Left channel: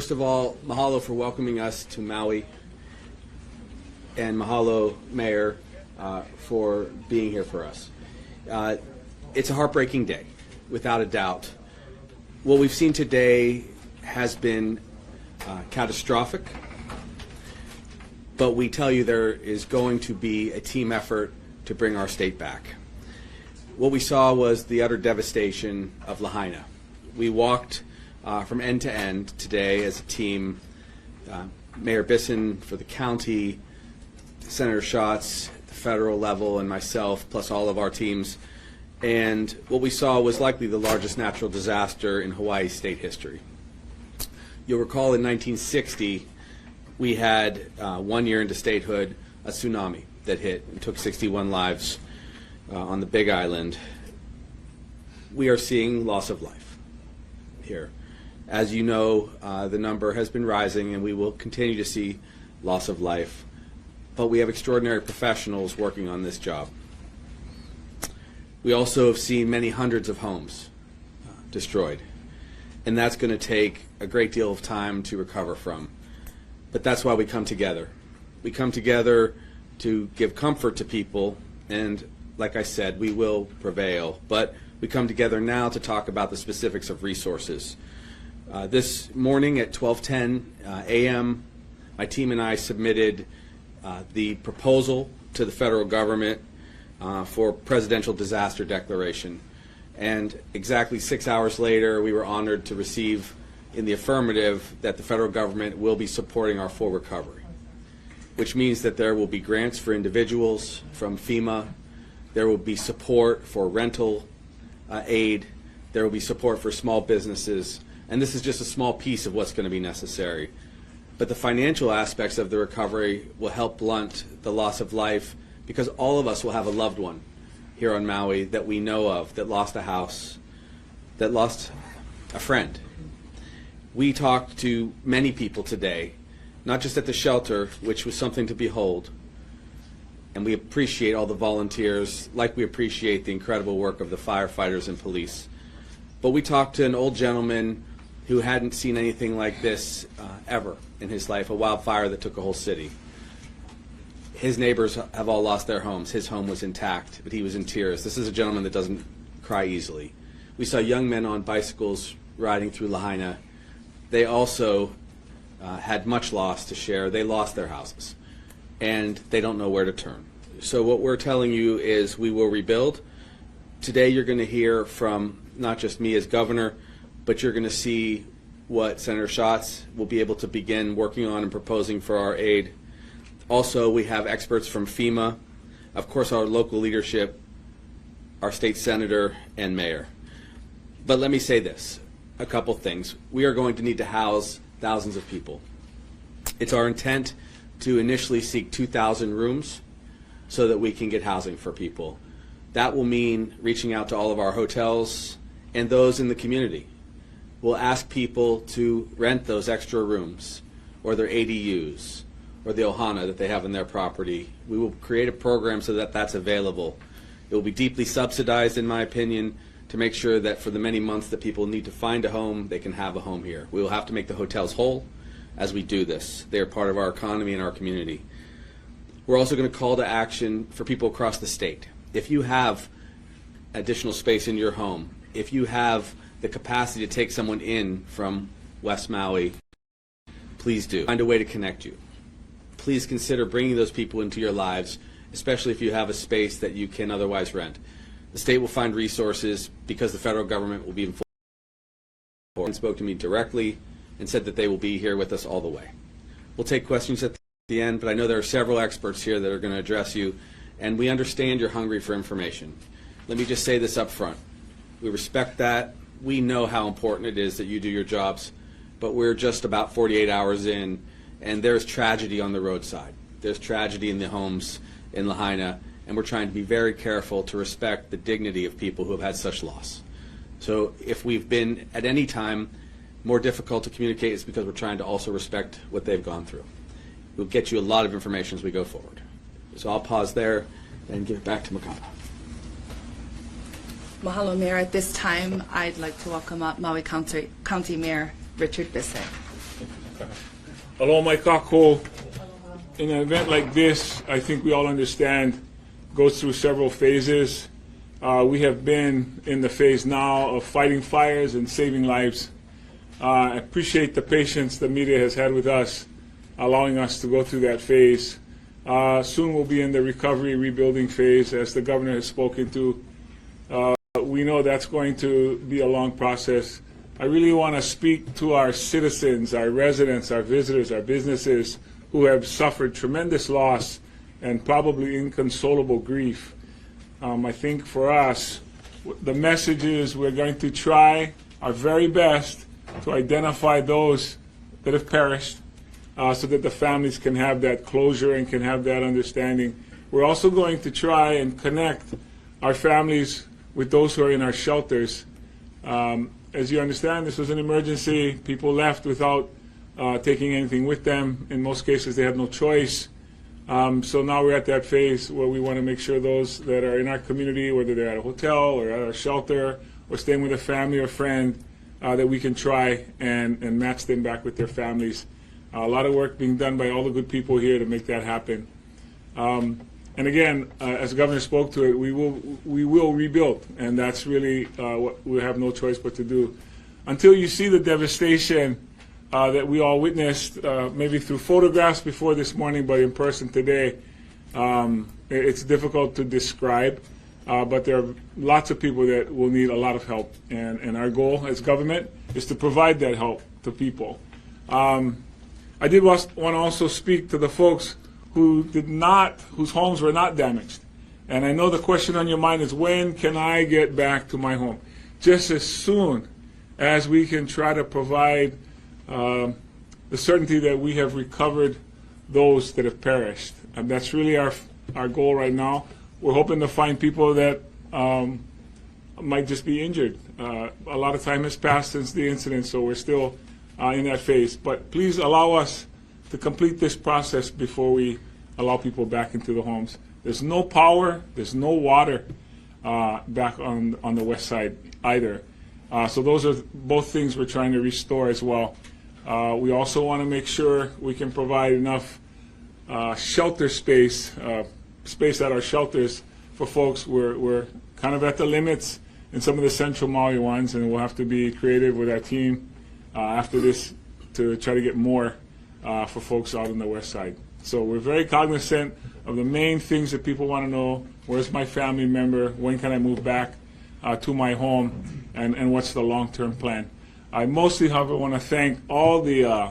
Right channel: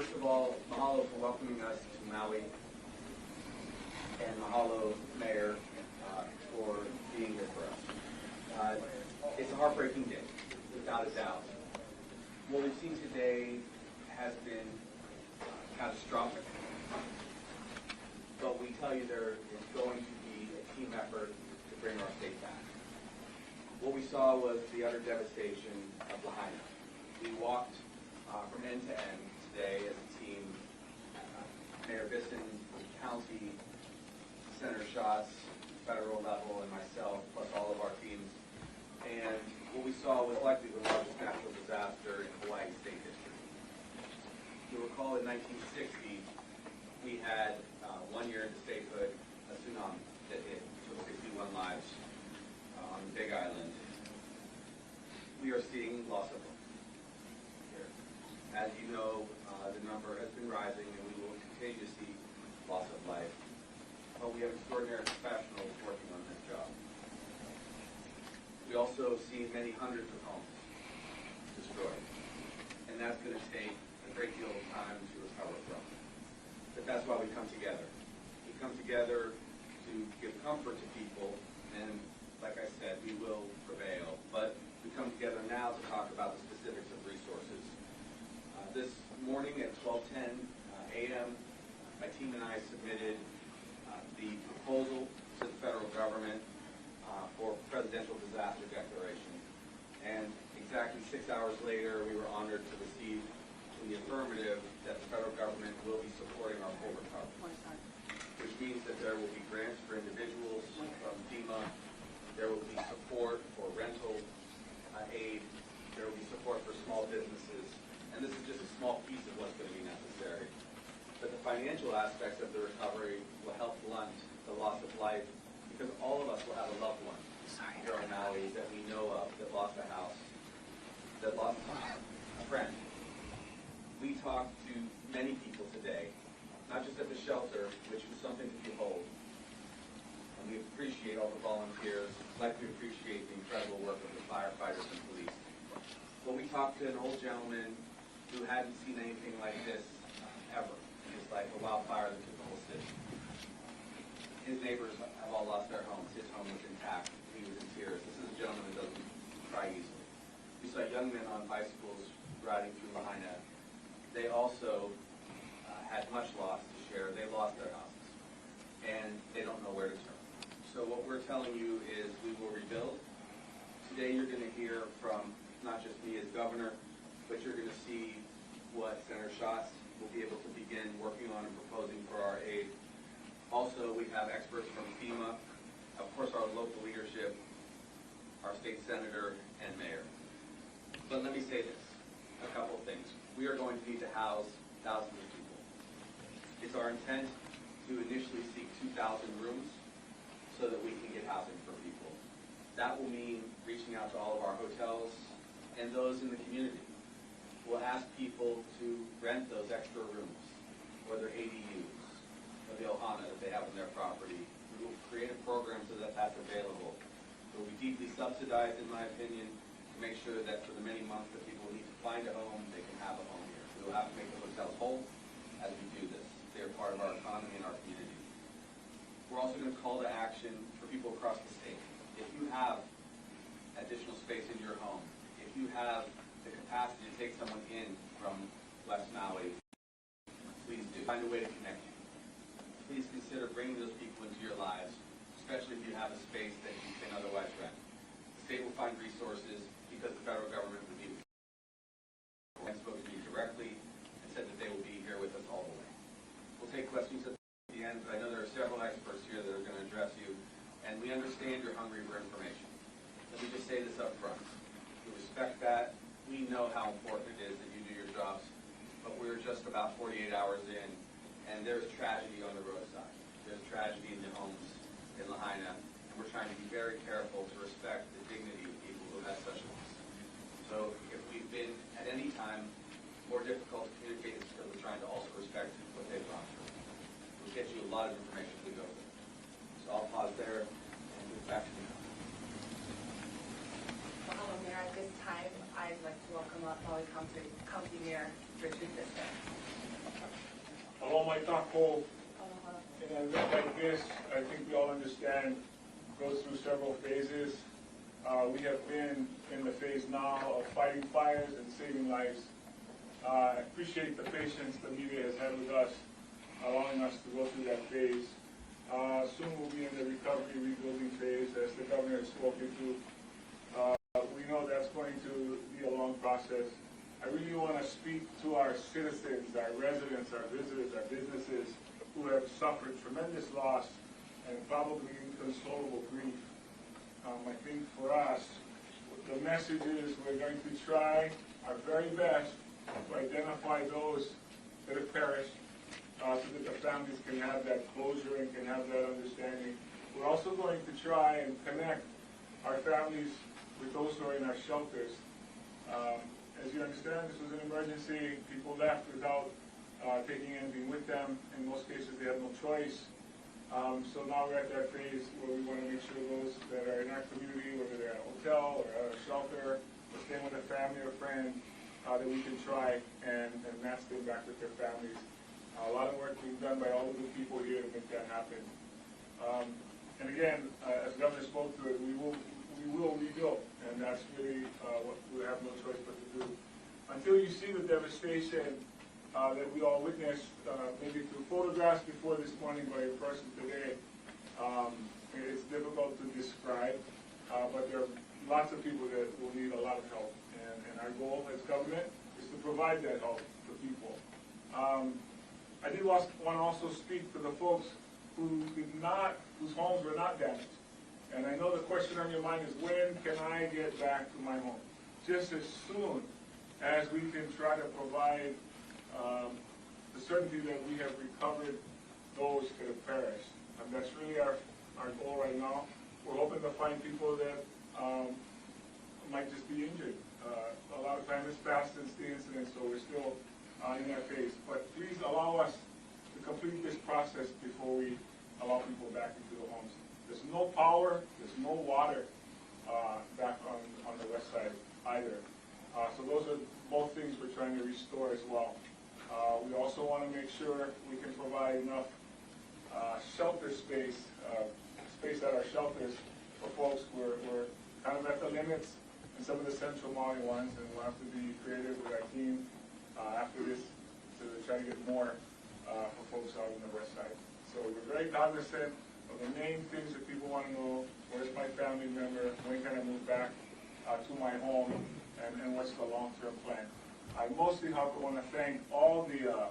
First of all, mahalo for welcoming us to Maui, and mahalo, Mayor, for being here for us. It's a heartbreaking day, without a doubt. What we've seen today has been catastrophic, but we tell you there is going to be a team effort to bring our state back. What we saw was the utter devastation of Lahaina. We walked from end to end today as a team, Mayor Bisson for the county, Senator Schatz at the federal level, and myself, plus all of our teams. And what we saw was likely the largest natural disaster in Hawaii state history. You'll recall in 1960, we had 1 year into statehood, a tsunami that hit and took 61 lives on the Big Island. We are seeing loss of life here. As you know, the number has been rising, and we will continue to see loss of life. But we have extraordinary professionals working on this job. We also have seen many hundreds of homes destroyed, and that's going to take a great deal of time to recover from. But that's why we come together. We come together to give comfort to people, and like I said, we will prevail. But we come together now to talk about the specifics of resources. This morning at 12:10 a.m., my team and I submitted the proposal to the federal government for presidential disaster declaration. And exactly 6 hours later, we were honored to receive in the affirmative that the federal government will be supporting our full recovery, which means that there will be grants for individuals from FEMA, there will be support for rental aid, there will be support for small businesses, and this is just a small piece of what's going to be necessary. But the financial aspects of the recovery will help blunt the loss of life, because all of us will have a loved one here on Maui that we know of that lost a house, that lost a friend. We talked to many people today, not just at the shelter, which was something to behold, and we appreciate all the volunteers, like we appreciate the incredible work of the firefighters and police. But we talked to an old gentleman who hadn't seen anything like this ever in his life, a wildfire that took a whole city. His neighbors have all lost their homes. His home was intact, but he was in tears. This is a gentleman that doesn't cry easily. We saw young men on bicycles riding through Lahaina. They also had much loss to share. They lost their houses, and they don't know where to turn. So what we're telling you is we will rebuild. Today you're going to hear from not just me as governor, but you're going to see what Senator Schatz will be able to begin working on and proposing for our aid. Also, we have experts from FEMA, of course our local leadership, our state senator, and mayor. But let me say this, a couple things. We are going to need to house thousands of people. It's our intent to initially seek 2,000 rooms so that we can get housing for people. That will mean reaching out to all of our hotels and those in the community. We'll ask people to rent those extra rooms or their ADUs or the ohana that they have in their property. We will create a program so that that's available. It will be deeply subsidized, in my opinion, to make sure that for the many months that people need to find a home, they can have a home here. We will have to make the hotels whole as we do this. They are part of our economy and our community. We're also going to call to action for people across the state. If you have additional space in your home, if you have the capacity to take someone in from West Maui, please do. Find a way to connect you. Please consider bringing those people into your lives, especially if you have a space that you can otherwise rent. The state will find resources because the federal government will be involved. And spoke to me directly and said that they will be here with us all the way. We'll take questions at the end, but I know there are several experts here that are going to address you, and we understand you're hungry for information. Let me just say this up front. We respect that. We know how important it is that you do your jobs, but we're just about 48 hours in, and there's tragedy on the roadside. There's tragedy in the homes in Lahaina, and we're trying to be very careful to respect the dignity of people who have had such loss. So if we've been at any time more difficult to communicate, it's because we're trying to also respect what they've gone through. We'll get you a lot of information as we go forward. So I'll pause there and give it back to Makana. Mahalo, Mayor. At this time, I'd like to welcome up Maui County Mayor Richard Bisson. Aloha mai kako. In an event like this, I think we all understand, goes through several phases. We have been in the phase now of fighting fires and saving lives. I appreciate the patience the media has had with us, allowing us to go through that phase. Soon we'll be in the recovery, rebuilding phase, as the governor has spoken to. We know that's going to be a long process. I really want to speak to our citizens, our residents, our visitors, our businesses who have suffered tremendous loss and probably inconsolable grief. I think for us, the message is we're going to try our very best to identify those that have perished so that the families can have that closure and can have that understanding. We're also going to try and connect our families with those who are in our shelters. As you understand, this was an emergency. People left without taking anything with them. In most cases, they had no choice. So now we're at that phase where we want to make sure those that are in our community, whether they're at a hotel or at a shelter or staying with a family or friend, that we can try and match them back with their families. A lot of work being done by all the good people here to make that happen. And again, as the governor spoke to it, we will rebuild, and that's really what we have no choice but to do. Until you see the devastation that we all witnessed, maybe through photographs before this morning, but in person today, it's difficult to describe. But there are lots of people that will need a lot of help, and our goal as government is to provide that help to people. I did want to also speak to the folks whose homes were not damaged. And I know the question on your mind is, when can I get back to my home? Just as soon as we can try to provide the certainty that we have recovered those that have perished. And that's really our goal right now. We're hoping to find people that might just be injured. A lot of time has passed since the incident, so we're still in that phase. But please allow us to complete this process before we allow people back into the homes. There's no power, there's no water back on the west side either. So those are both things we're trying to restore as well. We also want to make sure we can provide enough shelter space at our shelters for folks. We're kind of at the limits in some of the central Maui ones, and we'll have to be creative with our team after this to try to get more for folks out on the west side. So we're very cognizant of the main things that people want to know. Where's my family member? When can I move back to my home? And what's the long-term plan? I mostly, however, want to thank all the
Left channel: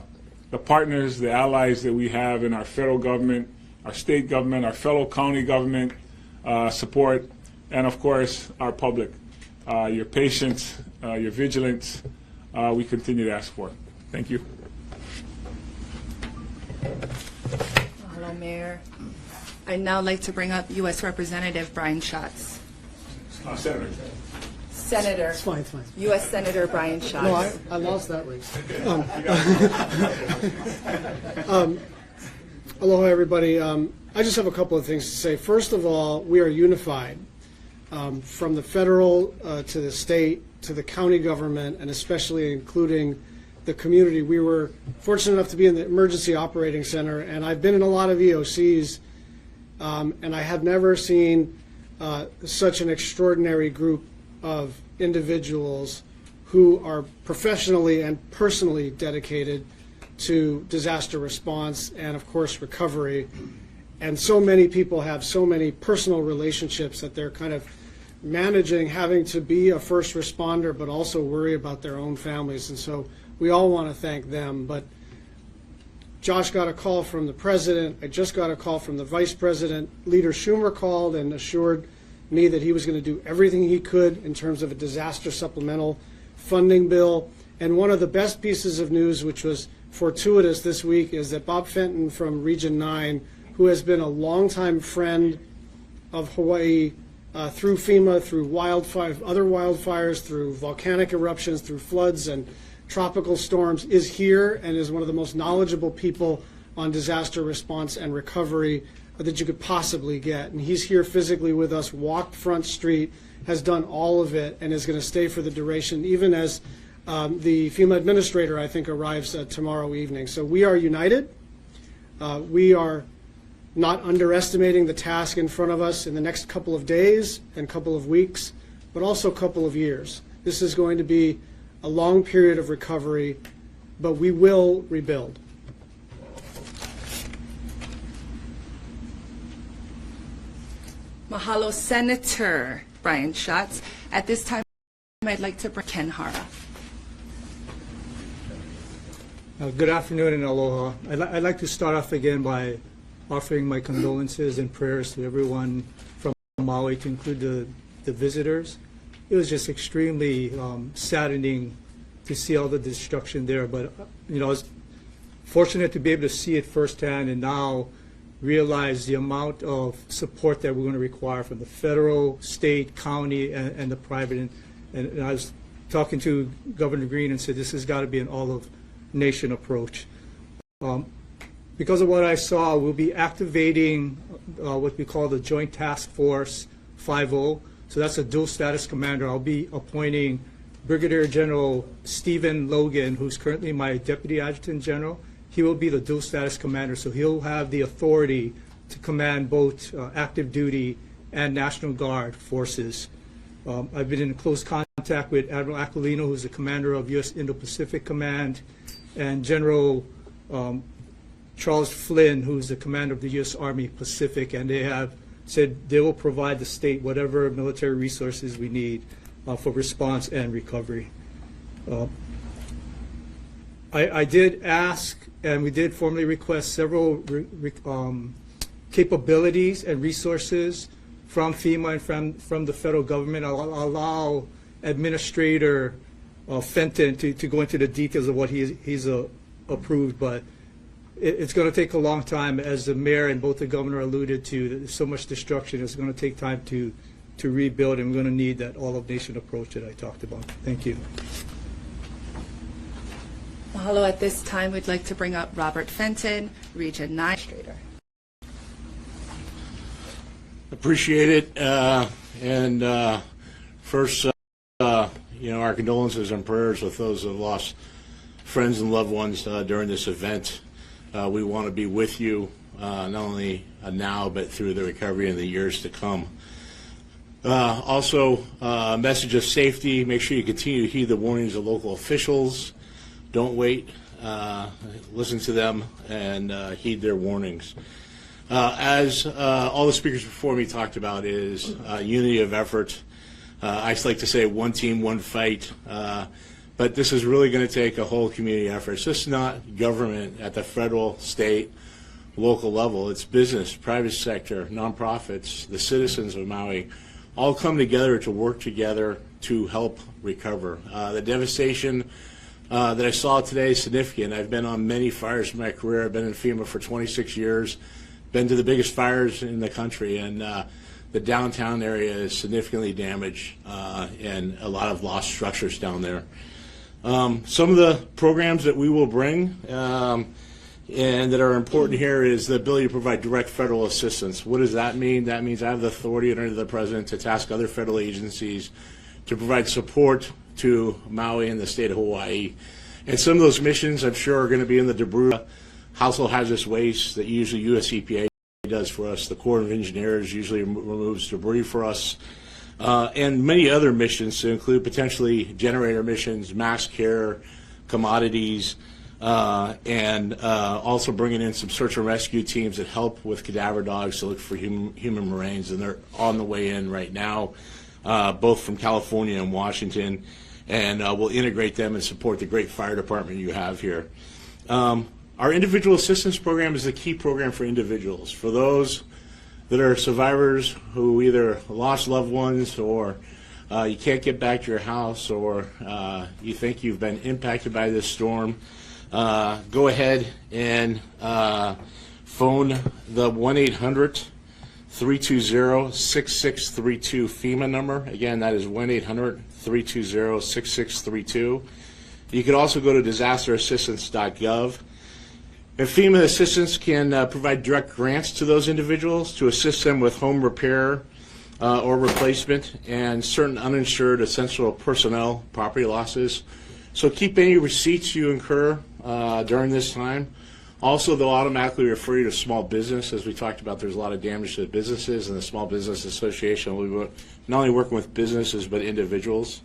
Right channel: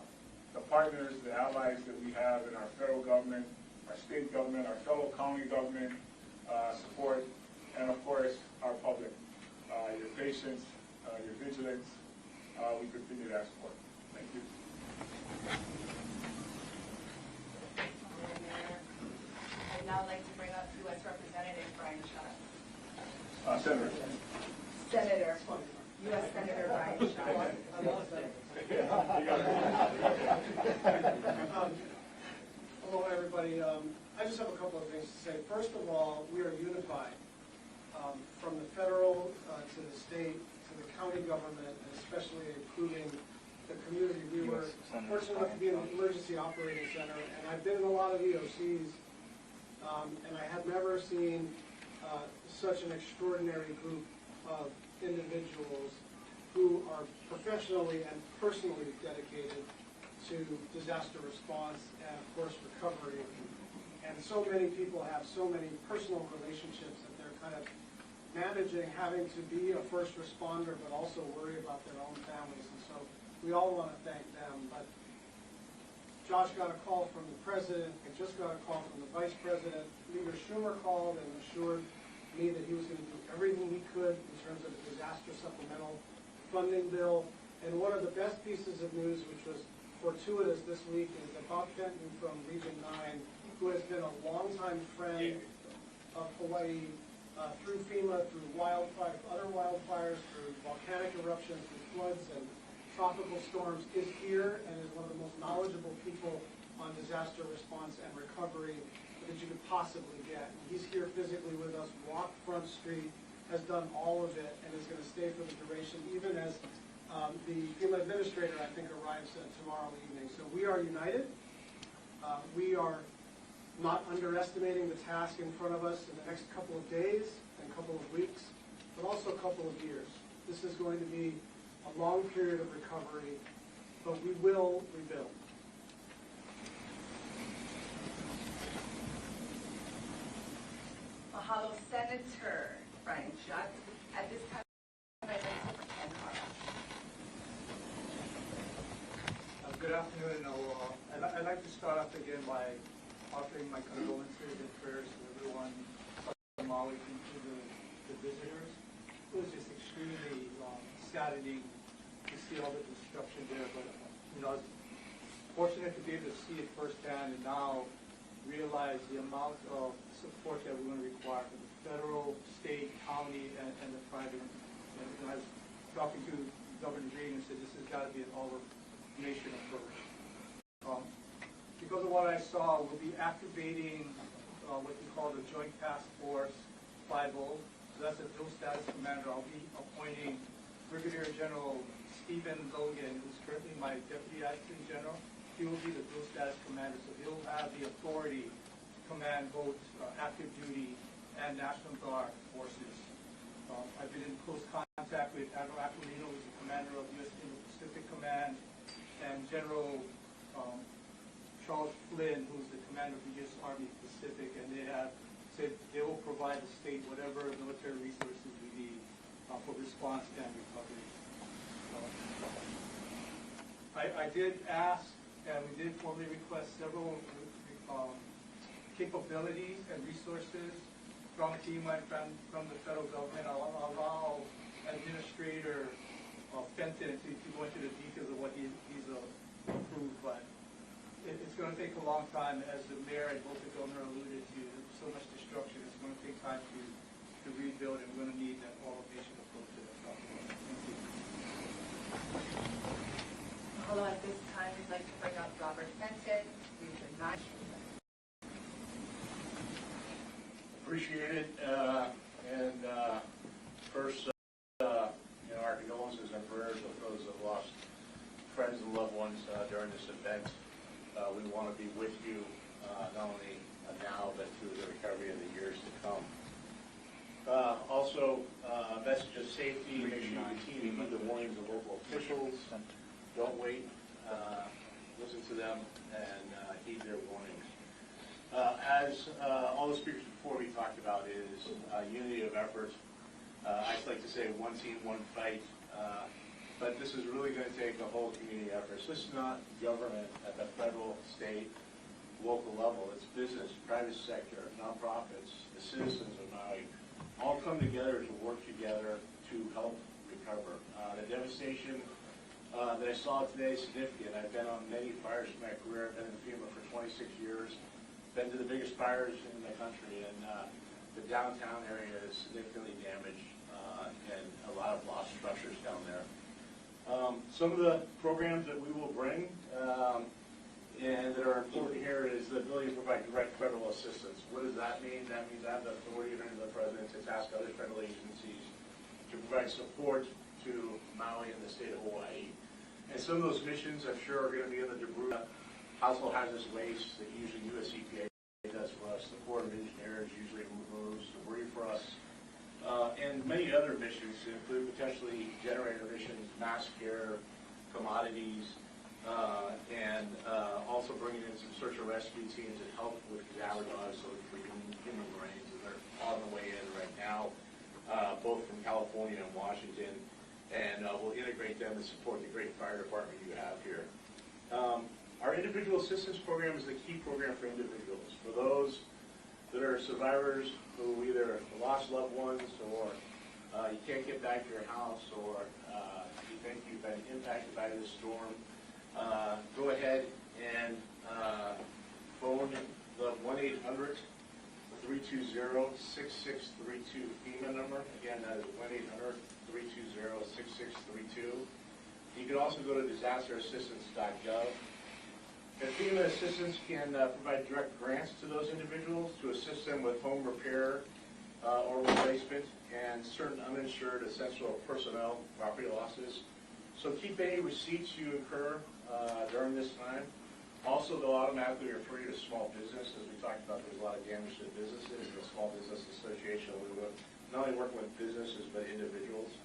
partners, the allies that we have in our federal government, our state government, our fellow county government support, and of course our public. Your patience, your vigilance, we continue to ask for. Thank you. Hello, Mayor. I'd now like to bring up U.S. Representative Brian Schatz. Senator. It's fine, it's fine. U.S. Senator Brian Schatz. No, I lost that race. Aloha, everybody. I just have a couple of things to say. First of all, we are unified from the federal to the state to the county government, and especially including the community. We were fortunate enough to be in the Emergency Operating Center, and I've been in a lot of EOCs, and I have never seen such an extraordinary group of individuals who are professionally and personally dedicated to disaster response and, of course, recovery. And so many people have so many personal relationships that they're kind of managing having to be a first responder but also worry about their own families. And so we all want to thank them. But Josh got a call from the president. I just got a call from the vice president. Leader Schumer called and assured me that he was going to do everything he could in terms of a disaster supplemental funding bill. And one of the best pieces of news, which was fortuitous this week, is that Bob Fenton from Region 9, who has been a longtime friend of Hawaii through FEMA, through other wildfires, through volcanic eruptions, through floods and tropical storms, is here and is one of the most knowledgeable people on disaster response and recovery that you could possibly get. And he's here physically with us, walked Front Street, has done all of it, and is going to stay for the duration, even as The FEMA administrator, I think, arrives tomorrow evening. So we are united. We are not underestimating the task in front of us in the next couple of days and couple of weeks, but also a couple of years. This is going to be a long period of recovery, but we will rebuild. Mahalo, Senator Brian Schatz. At this time, I'd like to bring Ken Hara. Good afternoon and aloha. I'd like to start off again by offering my condolences and prayers to everyone from Maui, to include the visitors. It was just extremely saddening to see all the destruction there, but I was fortunate to be able to see it firsthand and now realize the amount of support that we're going to require from the federal, state, county, and the private. And I was talking to Governor Green and said this has got to be an all-of-nation approach. Because of what I saw, we'll be activating what we call the Joint Task Force 5.0. So that's a dual status commander. I'll be appointing Brigadier General Stephen Logan, who's currently my Deputy Adjutant General. He will be the dual status commander, so he'll have the authority to command both active duty and National Guard forces. I've been in close contact with Admiral Aquilino, who's the commander of U.S. Indo-Pacific Command, and General Charles Flynn, who's the commander of the U.S. Army Pacific, and they have said they will provide the state whatever military resources we need for response and recovery. I did ask, and we did formally request several capabilities and resources from FEMA and from the federal government. I'll allow Administrator Fenton to go into the details of what he's approved, but it's going to take a long time. As the mayor and both the governor alluded to, there's so much destruction. It's going to take time to rebuild, and we're going to need that all-of-nation approach that I talked about. Thank you. Mahalo. At this time, we'd like to bring up Robert Fenton, Region 9. Appreciate it. First, our condolences and prayers with those who have lost friends and loved ones during this event. We want to be with you, not only now, but through the recovery in the years to come. Also, a message of safety. Make sure you continue to heed the warnings of local officials. Don't wait. Listen to them and heed their warnings. As all the speakers before me talked about, is unity of effort. I like to say one team, one fight. But this is really going to take a whole community effort. It's just not government at the federal, state, local level. It's business, private sector, nonprofits, the citizens of Maui, all come together to work together to help recover. The devastation that I saw today is significant. I've been on many fires in my career. I've been in FEMA for 26 years, been to the biggest fires in the country, and the downtown area is significantly damaged and a lot of lost structures down there. Some of the programs that we will bring and that are important here is the ability to provide direct federal assistance. What does that mean? That means I have the authority under the President to task other federal agencies to provide support to Maui and the state of Hawaii. And some of those missions, I'm sure, are going to be in the debris, household hazardous waste that usually US EPA does for us. The Corps of Engineers usually removes debris for us. And many other missions to include potentially generator missions, mass care, commodities, and also bringing in some search and rescue teams that help with cadaver dogs to look for human remains, and they're on the way in right now, both from California and Washington, and we'll integrate them and support the great fire department you have here. Our individual assistance program is a key program for individuals, for those that are survivors who either lost loved ones, or you can't get back to your house, or you think you've been impacted by this storm. Go ahead and phone the 1-800-320-6632 FEMA number. Again, that is 1-800-320-6632. You can also go to disasterassistance.gov. And FEMA assistance can provide direct grants to those individuals to assist them with home repair or replacement and certain uninsured essential personnel property losses. So keep any receipts you incur during this time. Also, they'll automatically refer you to small business. As we talked about, there's a lot of damage to businesses, and the Small Business Association will be not only working with businesses but individuals.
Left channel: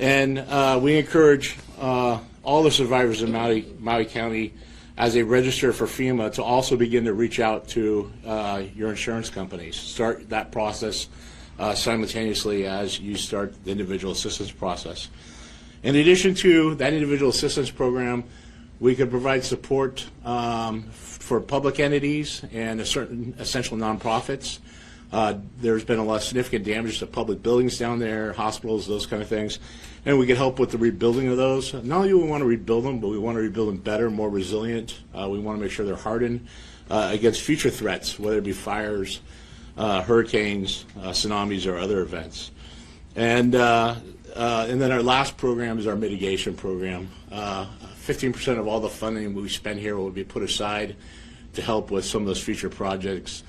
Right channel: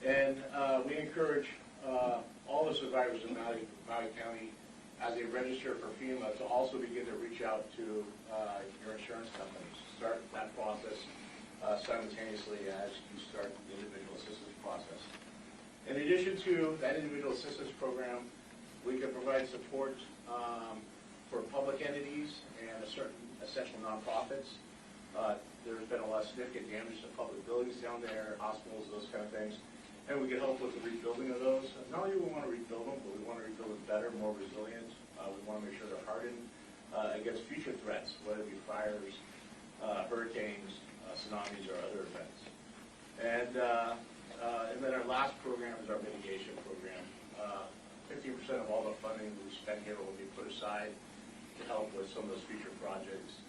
And we encourage all the survivors in Maui County, as they register for FEMA, to also begin to reach out to your insurance companies. Start that process simultaneously as you start the individual assistance process. In addition to that individual assistance program, we could provide support for public entities and certain essential nonprofits. There's been a lot of significant damage to public buildings down there, hospitals, those kind of things. And we can help with the rebuilding of those. Not only do we want to rebuild them, but we want to rebuild them better, more resilient. We want to make sure they're hardened against future threats, whether it be fires, hurricanes, tsunamis, or other events. And then our last program is our mitigation program. 15% of all the funding we spend here will be put aside to help with some of those future projects.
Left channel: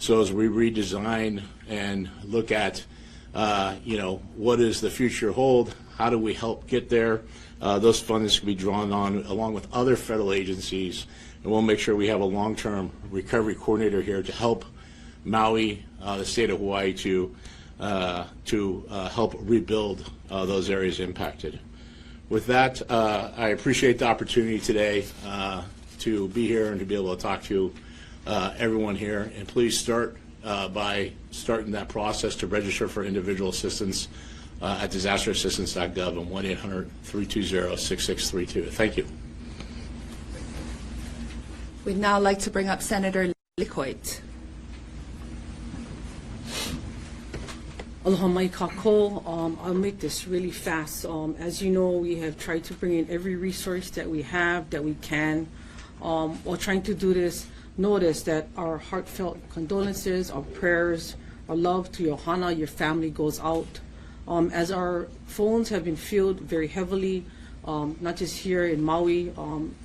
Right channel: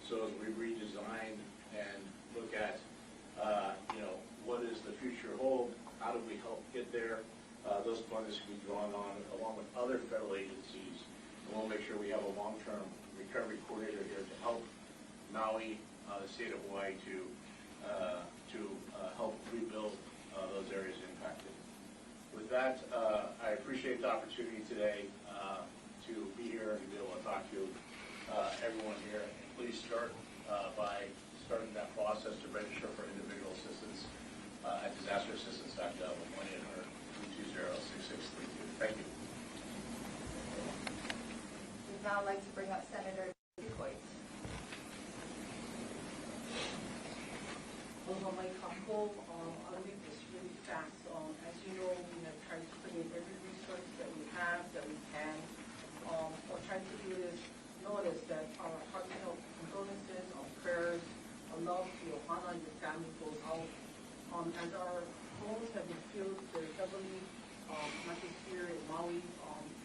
So as we redesign and look at, what does the future hold? How do we help get there? Those funds can be drawn on along with other federal agencies, and we'll make sure we have a long-term recovery coordinator here to help Maui, the state of Hawaii, to help rebuild those areas impacted. With that, I appreciate the opportunity today to be here and to be able to talk to everyone here. And please start by starting that process to register for individual assistance at disasterassistance.gov and 1-800-320-6632. Thank you. We'd now like to bring up Senator Licoit. Aloha mai kako. I'll make this really fast. As you know, we have tried to bring in every resource that we have, that we can. While trying to do this, notice that our heartfelt condolences, our prayers, our love to your hana, your family goes out. As our phones have been filled very heavily, not just here in Maui,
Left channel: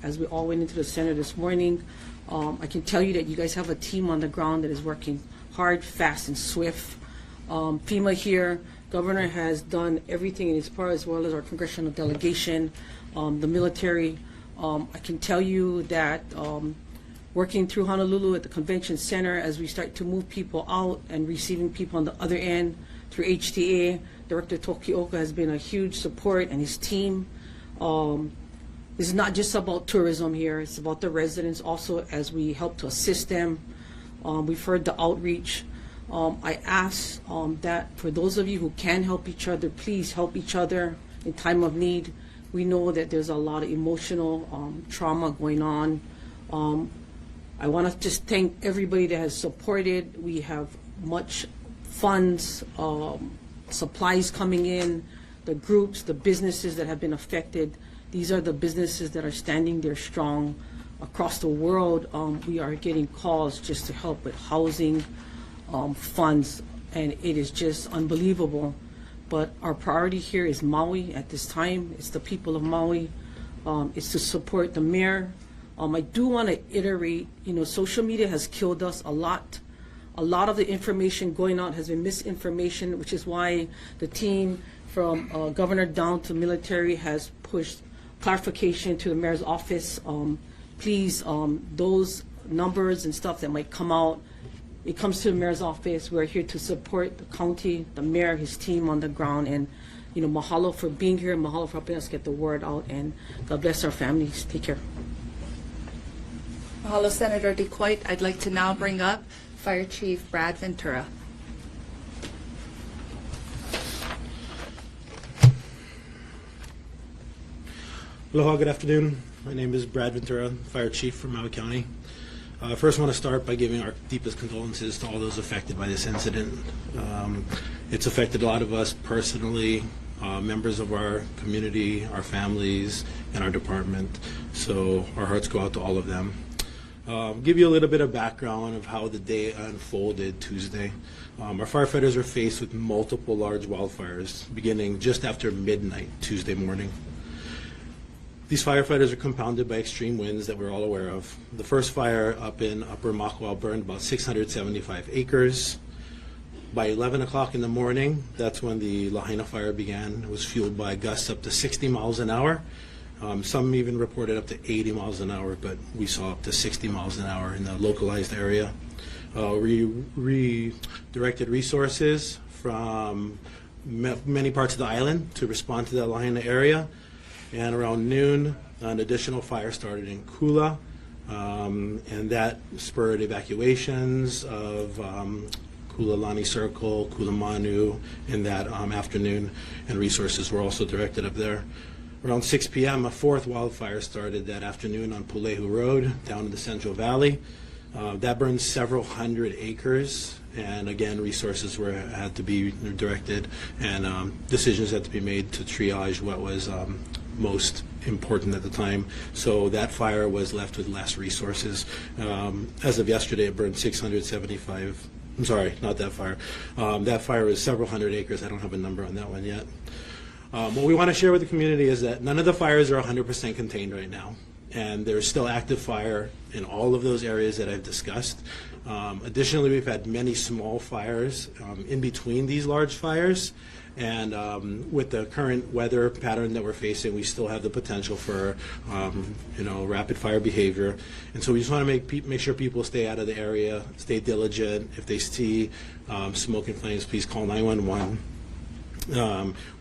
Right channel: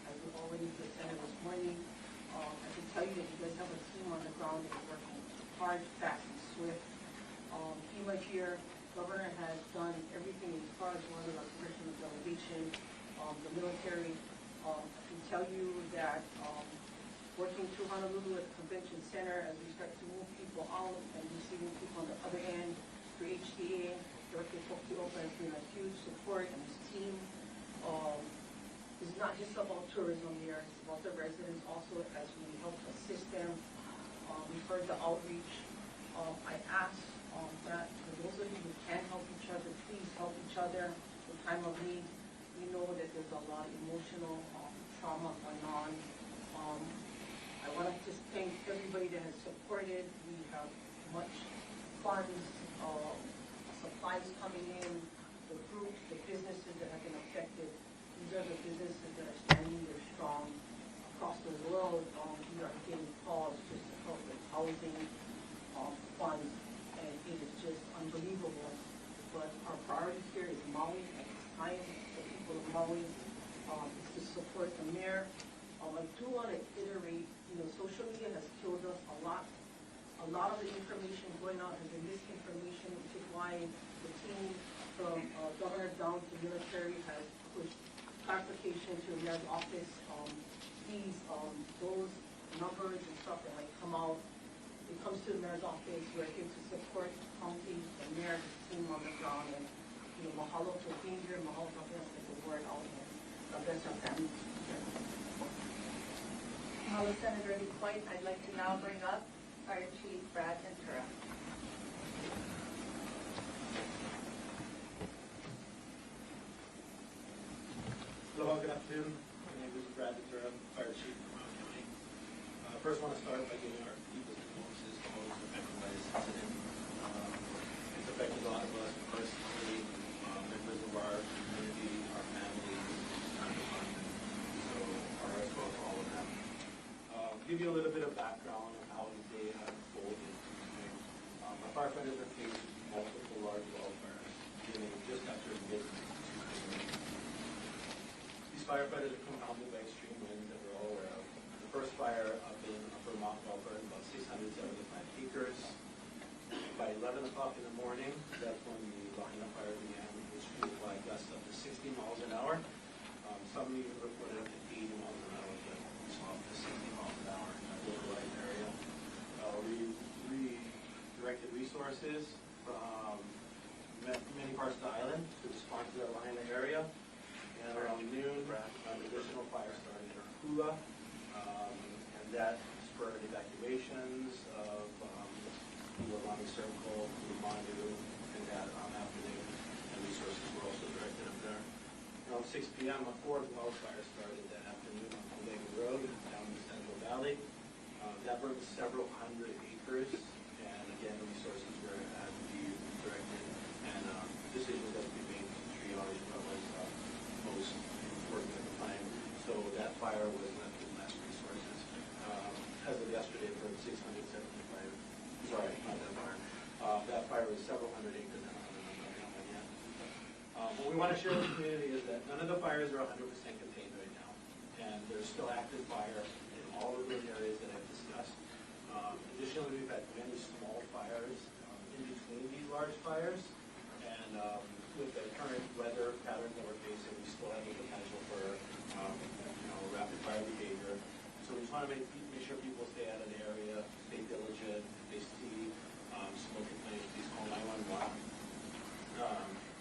as we all went into the center this morning, I can tell you that you guys have a team on the ground that is working hard, fast, and swift. FEMA here, Governor has done everything in his part, as well as our congressional delegation, the military. I can tell you that working through Honolulu at the convention center, as we start to move people out and receiving people on the other end through HTA, Director Tokioka has been a huge support, and his team. This is not just about tourism here, it's about the residents also, as we help to assist them. We've heard the outreach. I ask that for those of you who can help each other, please help each other in time of need. We know that there's a lot of emotional trauma going on. I want to just thank everybody that has supported. We have much funds, supplies coming in, the groups, the businesses that have been affected. These are the businesses that are standing there strong. Across the world, we are getting calls just to help with housing, funds, and it is just unbelievable. But our priority here is Maui at this time. It's the people of Maui. It's to support the mayor. I do want to iterate, social media has killed us a lot. A lot of the information going out has been misinformation, which is why the team from governor down to military has pushed clarification to the mayor's office. Please, those numbers and stuff that might come out, it comes to the mayor's office. We're here to support the county, the mayor, his team on the ground, and mahalo for being here, mahalo for helping us get the word out, and God bless our families. Take care. Mahalo, Senator Licoit. I'd like to now bring up Fire Chief Brad Ventura. Aloha, good afternoon. My name is Brad Ventura, Fire Chief from Maui County. First, I want to start by giving our deepest condolences to all those affected by this incident. It's affected a lot of us personally, members of our community, our families, and our department. So our hearts go out to all of them. Give you a little bit of background of how the day unfolded Tuesday. Our firefighters are faced with multiple large wildfires beginning just after midnight Tuesday morning. These firefighters are compounded by extreme winds that we're all aware of. The first fire up in Upper Makawao burned about 675 acres. By 11 o'clock in the morning, that's when the Lahaina fire began. It was fueled by gusts up to 60 miles an hour. Some even reported up to 80 miles an hour, but we saw up to 60 miles an hour in the localized area. We redirected resources from many parts of the island to respond to the Lahaina area. And around noon, an additional fire started in Kula, and that spurred evacuations of Kulalani Circle, Kulamanu in that afternoon, and resources were also directed up there. Around 6 p.m., a fourth wildfire started that afternoon on Pulehu Road down in the Central Valley. That burned several hundred acres, and again, resources had to be directed, and decisions had to be made to triage what was most important at the time. So that fire was left with less resources. As of yesterday, it burned 675. I'm sorry, not that fire. That fire was several hundred acres. I don't have a number on that one yet. What we want to share with the community is that none of the fires are 100% contained right now, and there's still active fire in all of those areas that I've discussed. Additionally, we've had many small fires in between these large fires, and with the current weather pattern that we're facing, we still have the potential for rapid fire behavior. And so we just want to make sure people stay out of the area, stay diligent. If they see smoke and flames, please call 911.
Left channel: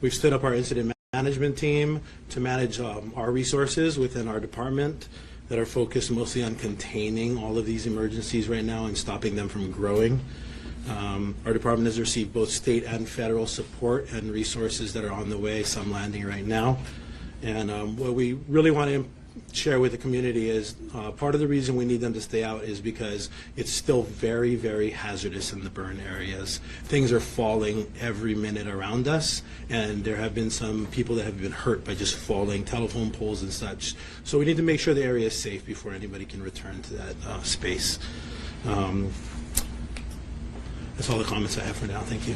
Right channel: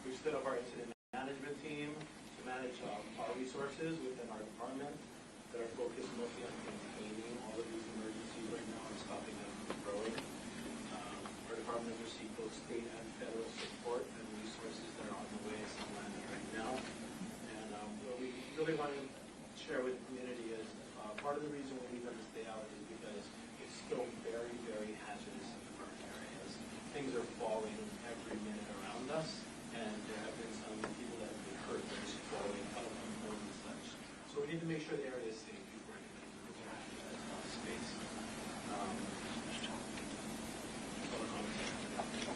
We've stood up our incident management team to manage our resources within our department that are focused mostly on containing all of these emergencies right now and stopping them from growing. Our department has received both state and federal support and resources that are on the way, some landing right now. And what we really want to share with the community is part of the reason we need them to stay out is because it's still very, very hazardous in the burn areas. Things are falling every minute around us, and there have been some people that have been hurt by just falling telephone poles and such. So we need to make sure the area is safe before anybody can return to that space. That's all the comments I have for now. Thank you.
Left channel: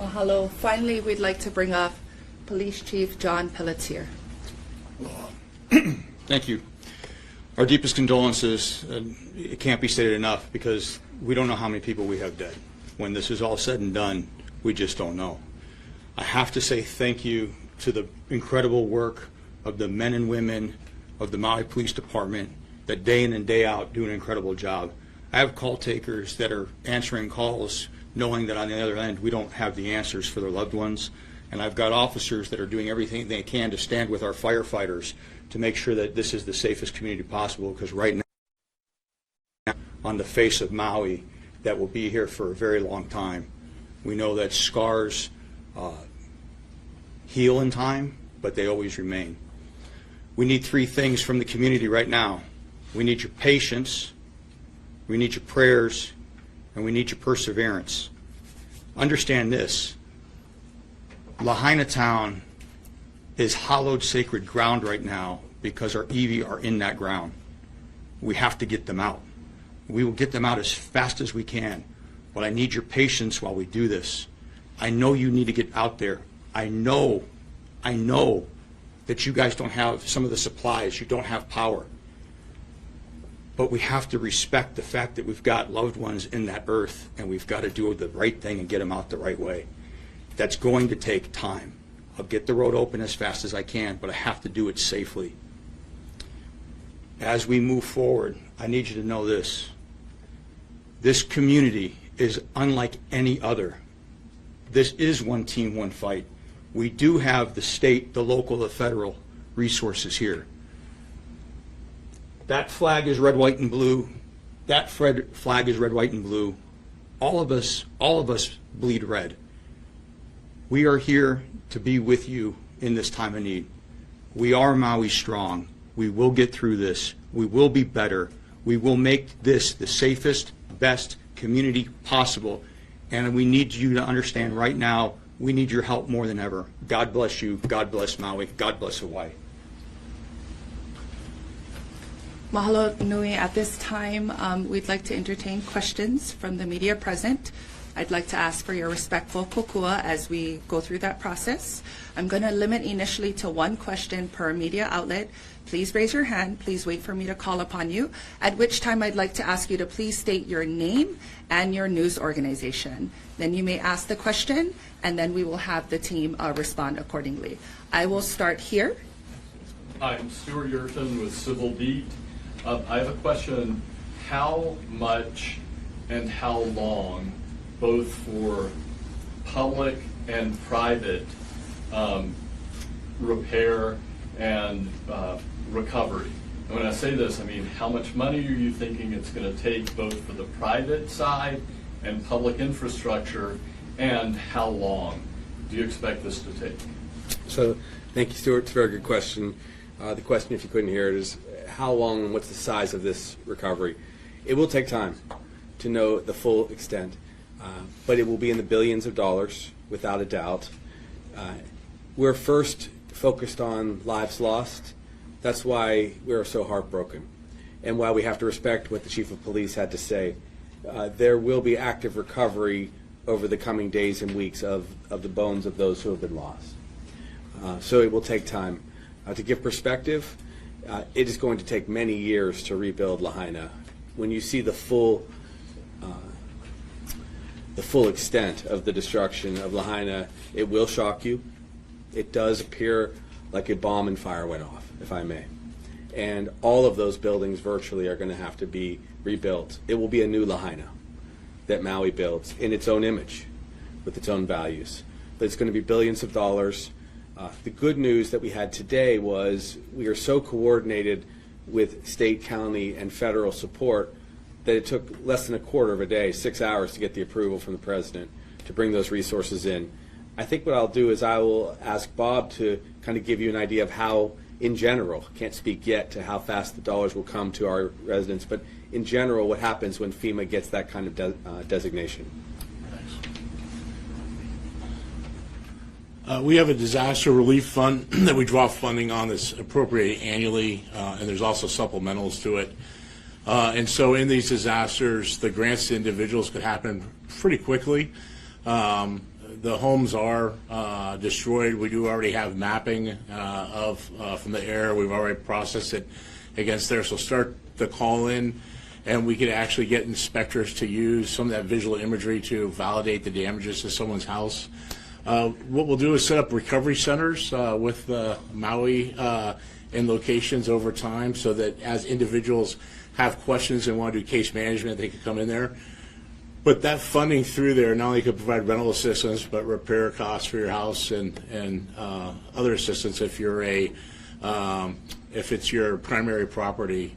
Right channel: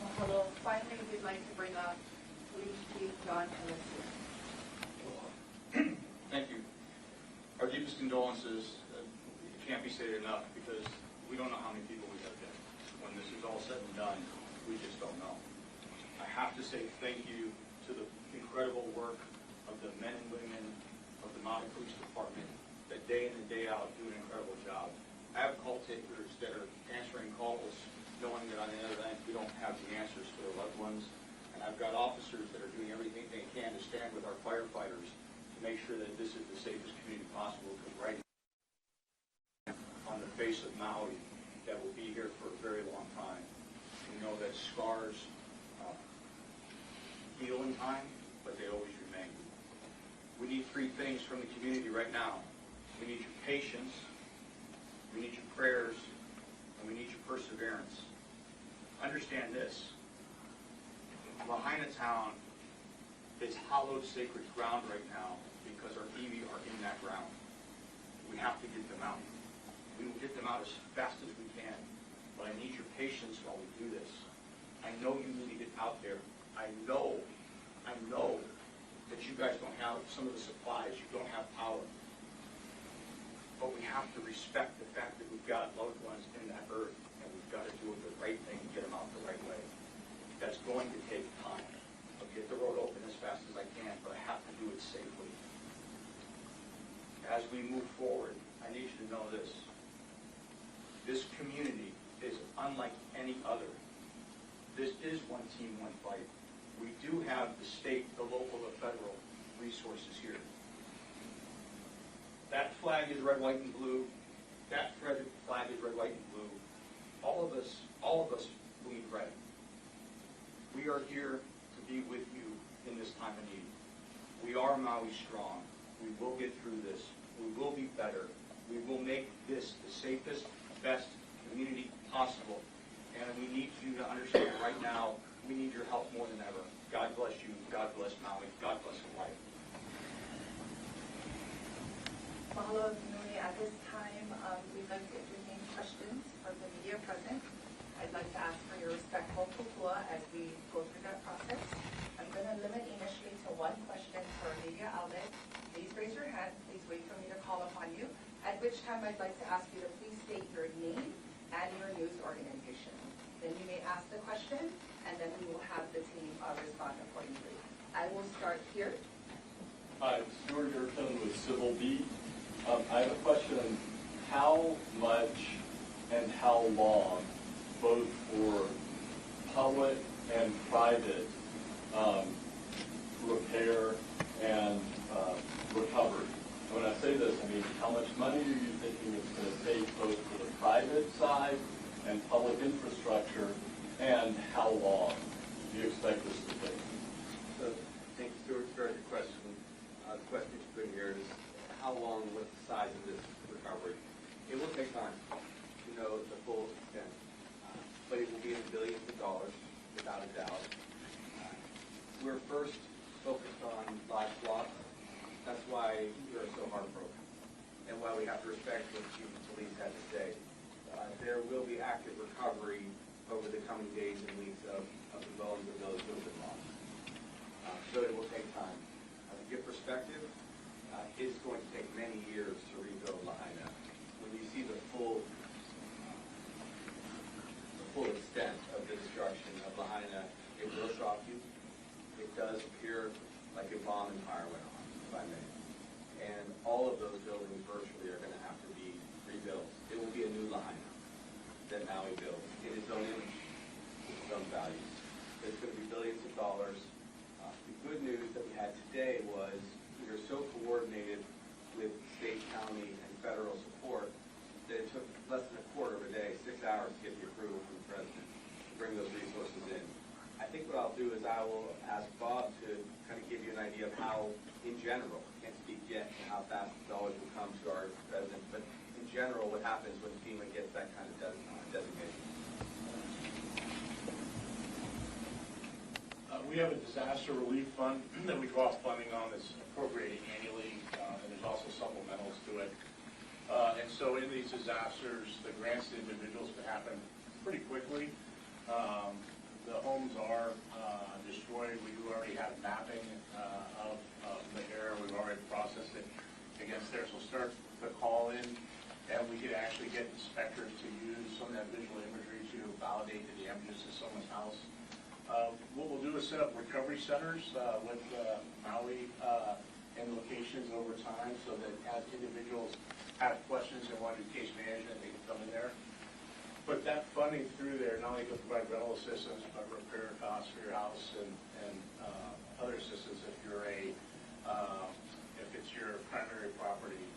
Mahalo. Finally, we'd like to bring up Police Chief John Pelletier. Thank you. Our deepest condolences. It can't be stated enough because we don't know how many people we have dead. When this is all said and done, we just don't know. I have to say thank you to the incredible work of the men and women of the Maui Police Department that day in and day out do an incredible job. I have call takers that are answering calls knowing that on the other end we don't have the answers for their loved ones. And I've got officers that are doing everything they can to stand with our firefighters to make sure that this is the safest community possible, because right now, on the face of Maui, that will be here for a very long time. We know that scars heal in time, but they always remain. We need three things from the community right now. We need your patience, we need your prayers, and we need your perseverance. Understand this. Lahaina town is hallowed sacred ground right now because our EV are in that ground. We have to get them out. We will get them out as fast as we can, but I need your patience while we do this. I know you need to get out there. I know that you guys don't have some of the supplies, you don't have power. But we have to respect the fact that we've got loved ones in that earth, and we've got to do the right thing and get them out the right way. That's going to take time. I'll get the road open as fast as I can, but I have to do it safely. As we move forward, I need you to know this. This community is unlike any other. This is one team, one fight. We do have the state, the local, the federal resources here. That flag is red, white, and blue. That flag is red, white, and blue. All of us bleed red. We are here to be with you in this time of need. We are Maui strong. We will get through this. We will be better. We will make this the safest, best community possible. And we need you to understand right now, we need your help more than ever. God bless you. God bless Maui. God bless Hawaii. Mahalo nui. At this time, we'd like to entertain questions from the media present. I'd like to ask for your respectful kokua as we go through that process. I'm going to limit initially to one question per media outlet. Please raise your hand. Please wait for me to call upon you, at which time I'd like to ask you to please state your name and your news organization. Then you may ask the question, and then we will have the team respond accordingly. I will start here. Hi, I'm Stuart Yerton with Civil Beat. I have a question. How much and how long, both for public and private repair and recovery? And when I say this, I mean, how much money are you thinking it's going to take both for the private side and public infrastructure, and how long do you expect this to take? So, thank you, Stuart. It's a very good question. The question, if you couldn't hear it, is how long and what's the size of this recovery? It will take time to know the full extent, but it will be in the billions of dollars, without a doubt. We're first focused on lives lost. That's why we're so heartbroken, and why we have to respect what the Chief of Police had to say. There will be active recovery over the coming days and weeks of the bones of those who have been lost. So it will take time. To give perspective, it is going to take many years to rebuild Lahaina. When you see the full extent of the destruction of Lahaina, it will shock you. It does appear like a bomb and fire went off, if I may. And all of those buildings virtually are going to have to be rebuilt. It will be a new Lahaina that Maui builds in its own image, with its own values. But it's going to be billions of dollars. The good news that we had today was we are so coordinated with state, county, and federal support that it took less than a quarter of a day, 6 hours, to get the approval from the president to bring those resources in. I think what I'll do is I will ask Bob to kind of give you an idea of how, in general, can't speak yet to how fast the dollars will come to our residents, but in general, what happens when FEMA gets that kind of designation. We have a disaster relief fund that we draw funding on that's appropriated annually, and there's also supplementals to it. And so in these disasters, the grants to individuals could happen pretty quickly. The homes are destroyed. We do already have mapping from the air. We've already processed it against there. So start the call in, and we could actually get inspectors to use some of that visual imagery to validate the damages to someone's house. What we'll do is set up recovery centers with Maui in locations over time, so that as individuals have questions and want to do case management, they can come in there. But that funding through there not only could provide rental assistance, but repair costs for your house and other assistance if you're if it's your primary property,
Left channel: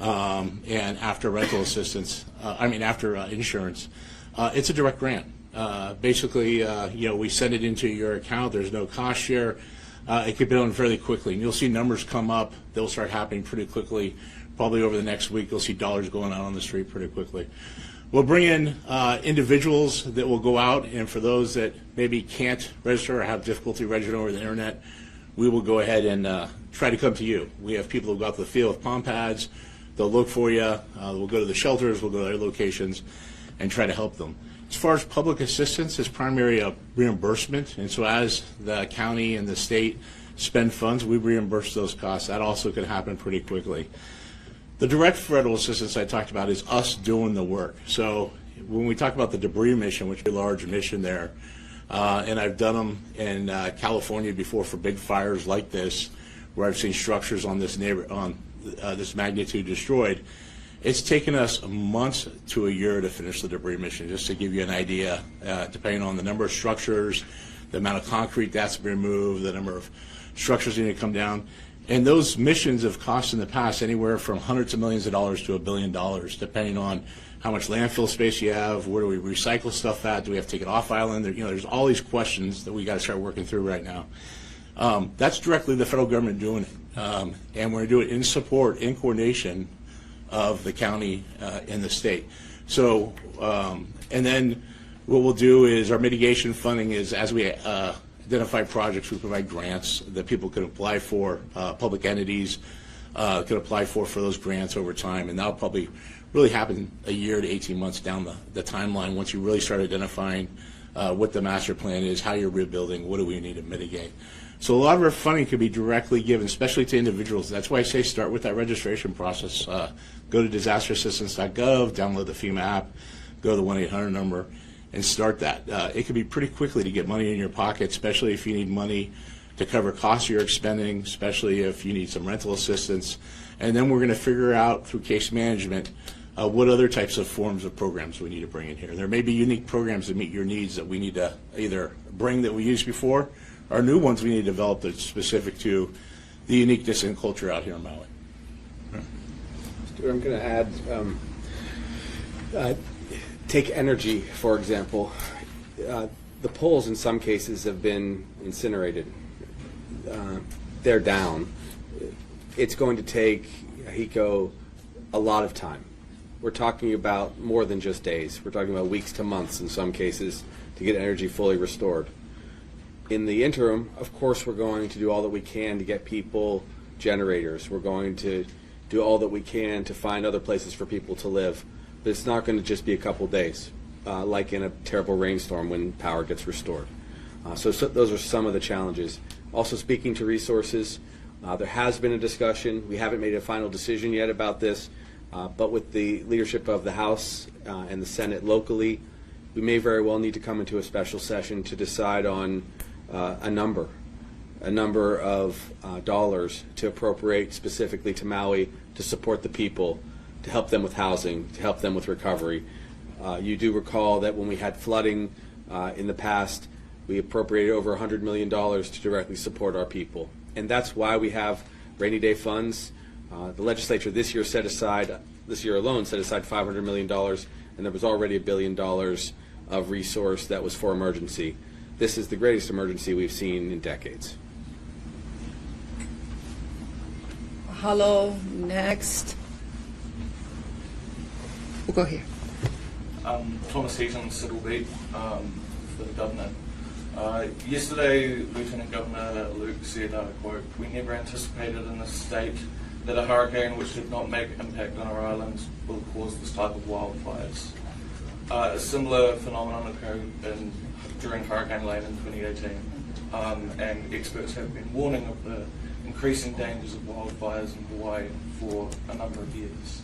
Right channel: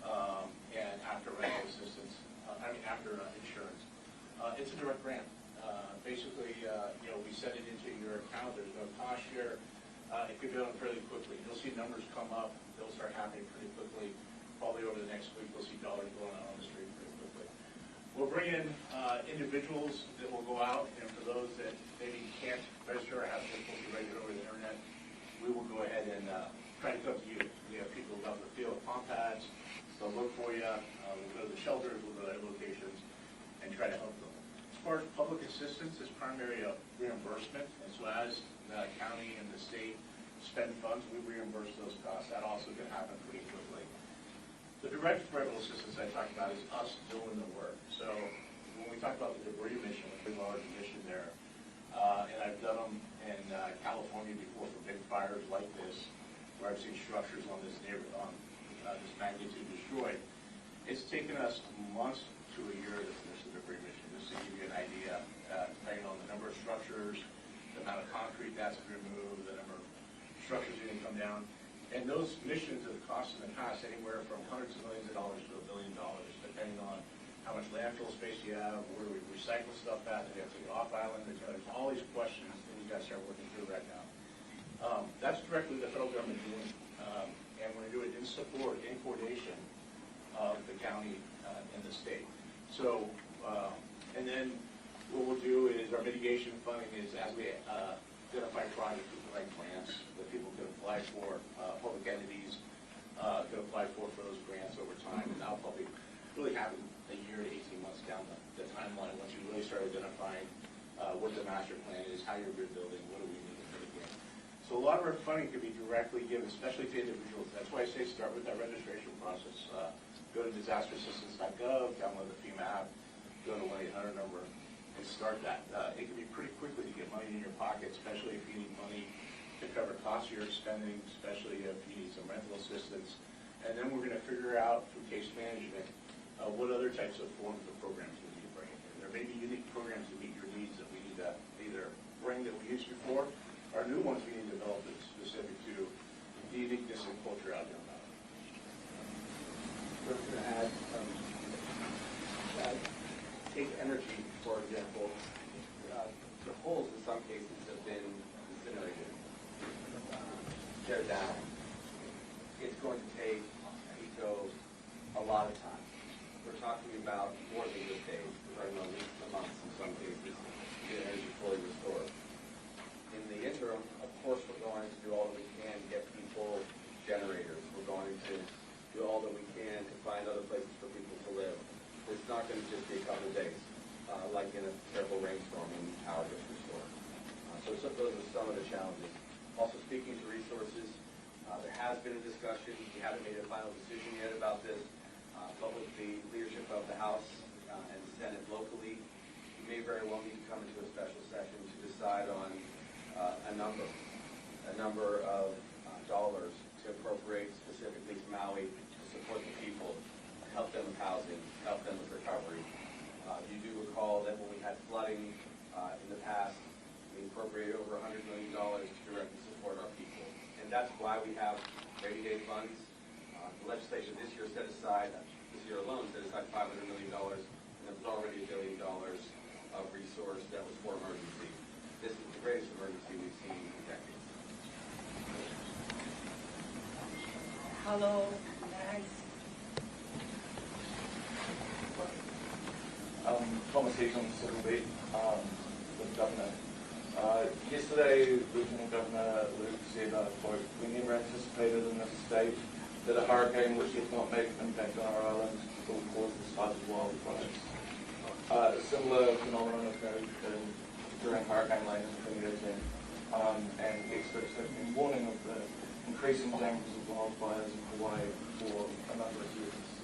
and after rental assistance, after insurance, it's a direct grant. Basically, we send it into your account. There's no cost share. It could be done fairly quickly, and you'll see numbers come up. They'll start happening pretty quickly. Probably over the next week, you'll see dollars going out on the street pretty quickly. We'll bring in individuals that will go out, and for those that maybe can't register or have difficulty registering over the internet, we will go ahead and try to come to you. We have people who go out to the field with palm pads. They'll look for you. We'll go to the shelters. We'll go to their locations and try to help them. As far as public assistance, it's primarily a reimbursement, and so as the county and the state spend funds, we reimburse those costs. That also can happen pretty quickly. The direct federal assistance I talked about is us doing the work. So when we talk about the debris mission, which is a large mission there, and I've done them in California before for big fires like this, where I've seen structures on this this magnitude destroyed. It's taken us months to a year to finish the debris mission, just to give you an idea, depending on the number of structures, the amount of concrete that's been removed, the number of structures that need to come down. And those missions have cost in the past anywhere from hundreds of millions of dollars to $1 billion, depending on how much landfill space you have, where do we recycle stuff at, do we have to take it off island? There's all these questions that we got to start working through right now. That's directly the federal government doing it, and we're going to do it in support, in coordination of the county and the state. So, and then what we'll do is our mitigation funding is, as we identify projects, we provide grants that people can apply for, public entities can apply for those grants over time, and that'll probably really happen a year to 18 months down the timeline once you really start identifying what the master plan is, how you're rebuilding, what do we need to mitigate. So a lot of our funding could be directly given, especially to individuals. That's why I say start with that registration process. Go to disasterassistance.gov, download the FEMA app, go to the 1-800 number, and start that. It can be pretty quickly to get money in your pocket, especially if you need money to cover costs you're expending, especially if you need some rental assistance. And then we're going to figure out through case management what other types of forms of programs we need to bring in here. There may be unique programs that meet your needs that we need to either bring that we used before, or new ones we need to develop that's specific to the uniqueness and culture out here in Maui. I'm going to add, take energy, for example. The poles in some cases have been incinerated. They're down. It's going to take HECO a lot of time. We're talking about more than just days. We're talking about weeks to months in some cases to get energy fully restored. In the interim, of course, we're going to do all that we can to get people generators. We're going to do all that we can to find other places for people to live. But it's not going to just be a couple days, like in a terrible rainstorm when power gets restored. So those are some of the challenges. Also, speaking to resources, there has been a discussion. We haven't made a final decision yet about this, but with the leadership of the House and the Senate locally, we may very well need to come into a special session to decide on a number of dollars to appropriate specifically to Maui to support the people, to help them with housing, to help them with recovery. You do recall that when we had flooding in the past, we appropriated over $100 million to directly support our people. And that's why we have rainy day funds. The legislature this year alone set aside $500 million, and there was already $1 billion of resource that was for emergency. This is the greatest emergency we've seen in decades. Hello, next. We'll go here. Thomas Heaton, Civil Beat, for the Governor. Yesterday, Lieutenant Governor Luke said, quote, "We never anticipated in this state that a hurricane which did not make impact on our islands will cause this type of wildfires." A similar phenomenon occurred during Hurricane Lane in 2018, and experts have been warning of the increasing dangers of wildfires in Hawaii for a number of years.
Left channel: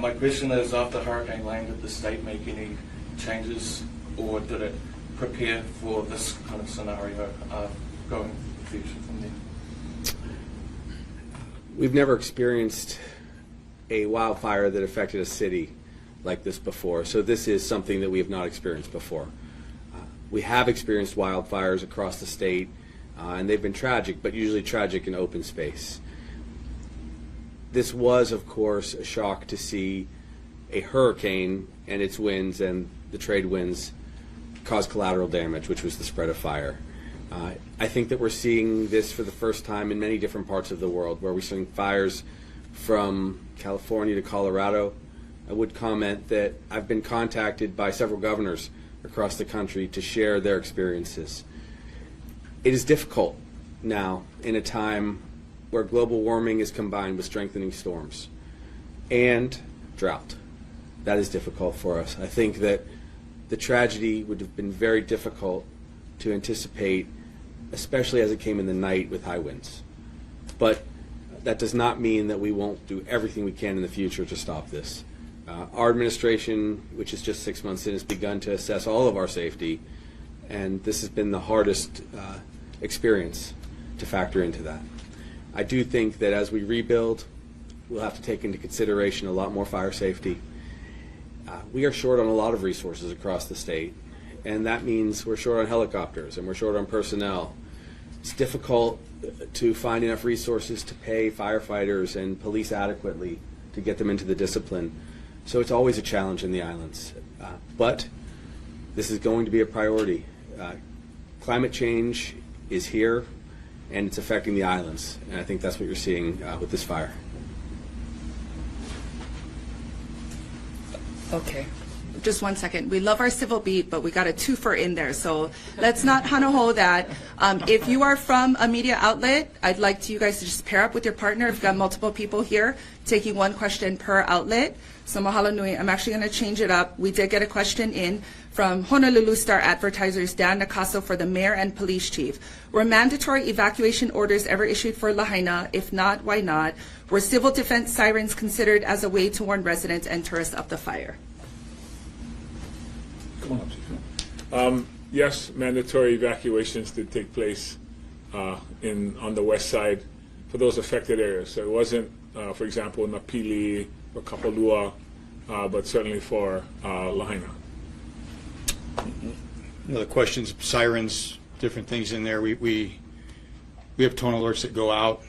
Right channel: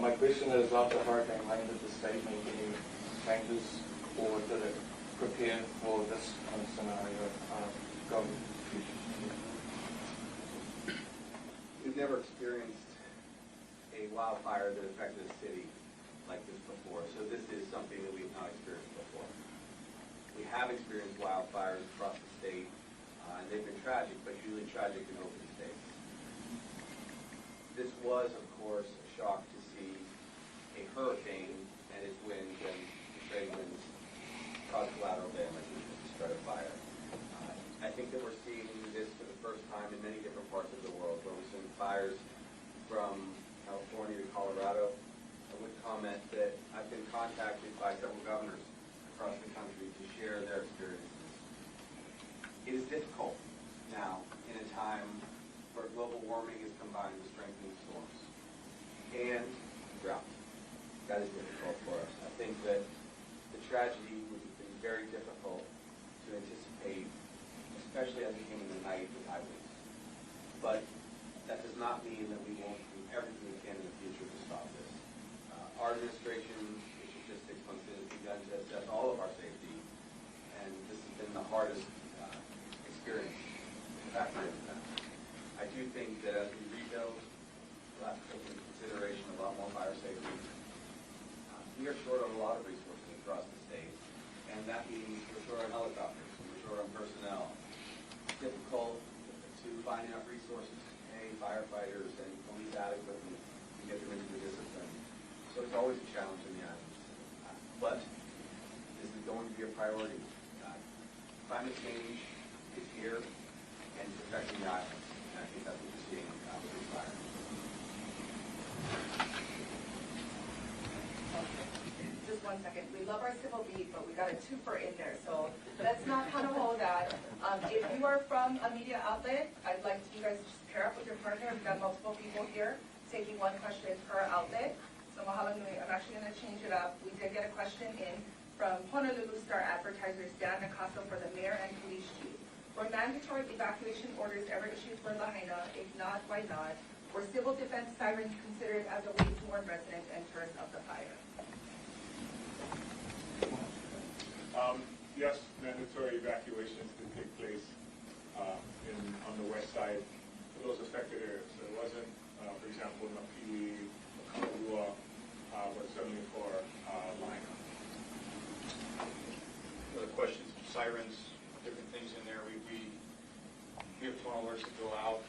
My question is, after Hurricane Lane, did the state make any changes, or did it prepare for this kind of scenario going future from there? We've never experienced a wildfire that affected a city like this before, so this is something that we have not experienced before. We have experienced wildfires across the state, and they've been tragic, but usually tragic in open space. This was, of course, a shock to see a hurricane and its winds and the trade winds cause collateral damage, which was the spread of fire. I think that we're seeing this for the first time in many different parts of the world, where we're seeing fires from California to Colorado. I would comment that I've been contacted by several governors across the country to share their experiences. It is difficult now in a time where global warming is combined with strengthening storms and drought. That is difficult for us. I think that the tragedy would have been very difficult to anticipate, especially as it came in the night with high winds. But that does not mean that we won't do everything we can in the future to stop this. Our administration, which is just 6 months in, has begun to assess all of our safety, and this has been the hardest experience to factor into that. I do think that as we rebuild, we'll have to take into consideration a lot more fire safety. We are short on a lot of resources across the state, and that means we're short on helicopters and we're short on personnel. It's difficult to find enough resources to pay firefighters and police adequately to get them into the discipline. So it's always a challenge in the islands. But this is going to be a priority. Climate change is here, and it's affecting the islands, and I think that's what you're seeing with this fire. Okay. Just 1 second. We love our civil beat, but we got a twofer in there, so let's not hana-ho that. If you are from a media outlet, I'd like you guys to just pair up with your partner. We've got multiple people here taking one question per outlet. So mahalo nui. I'm actually going to change it up. We did get a question in From Honolulu Star advertisers Dan Nakaso for the mayor and police chief. Were mandatory evacuation orders ever issued for Lahaina? If not, why not? Were civil defense sirens considered as a way to warn residents and tourists of the fire? Yes, mandatory evacuations did take place on the west side for those affected areas. So it wasn't, for example, Napili or Kapalua, but certainly for Lahaina. The questions, sirens, different things in there. We have tone alerts that go out.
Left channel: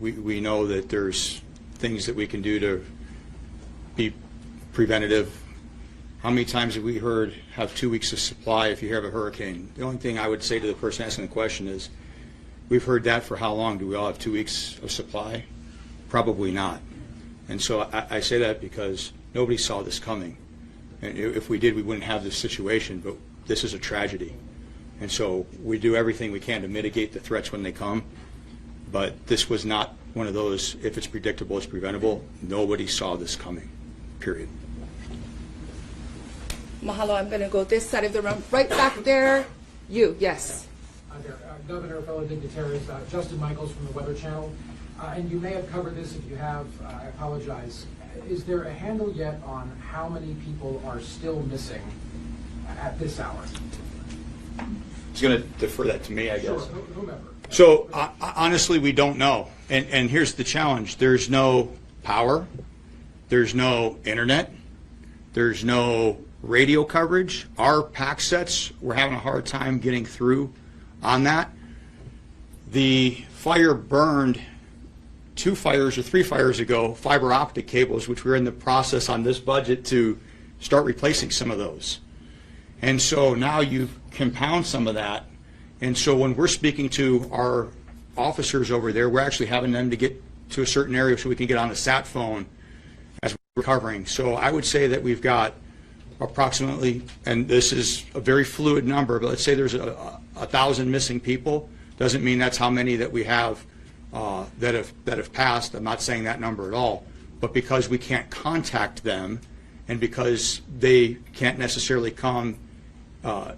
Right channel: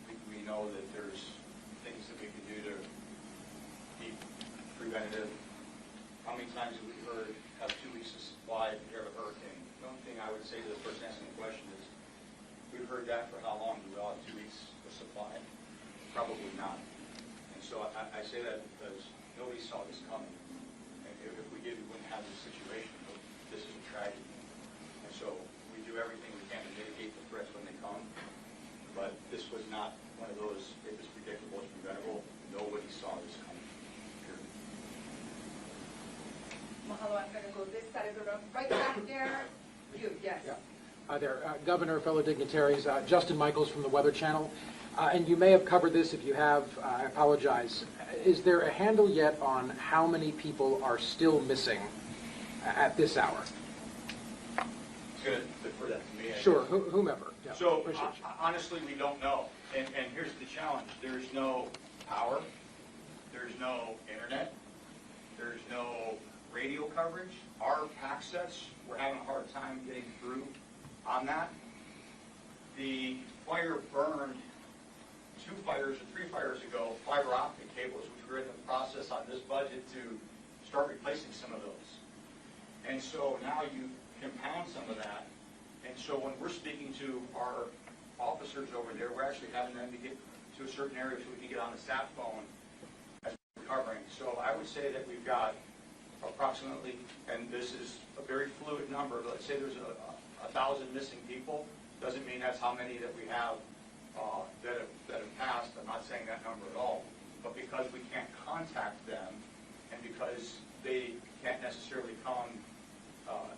We know that there's things that we can do to be preventative. How many times have we heard have 2 weeks of supply if you have a hurricane? The only thing I would say to the person asking the question is, we've heard that for how long? Do we all have 2 weeks of supply? Probably not. And so I say that because nobody saw this coming. And if we did, we wouldn't have this situation, but this is a tragedy. And so we do everything we can to mitigate the threats when they come, but this was not one of those, if it's predictable, it's preventable. Nobody saw this coming, period. Mahalo, I'm going to go this side of the room. Right back there. You, yes. Hi there, Governor, fellow dignitaries, Justin Michaels from the Weather Channel. And you may have covered this. If you have, I apologize. Is there a handle yet on how many people are still missing at this hour? He's going to defer that to me, I guess. Sure, whomever. So honestly, we don't know. And here's the challenge. There's no power. There's no internet. There's no radio coverage. Our pack sets, we're having a hard time getting through on that. The fire burned 2 fires or 3 fires ago, fiber optic cables, which we're in the process on this budget to start replacing some of those. And so now you compound some of that. And so when we're speaking to our officers over there, we're actually having them to get to a certain area so we can get on the sat phone as we're recovering. So I would say that we've got approximately, and this is a very fluid number, but let's say there's 1,000 missing people. Doesn't mean that's how many that we have that have passed. I'm not saying that number at all. But because we can't contact them, and because they can't necessarily come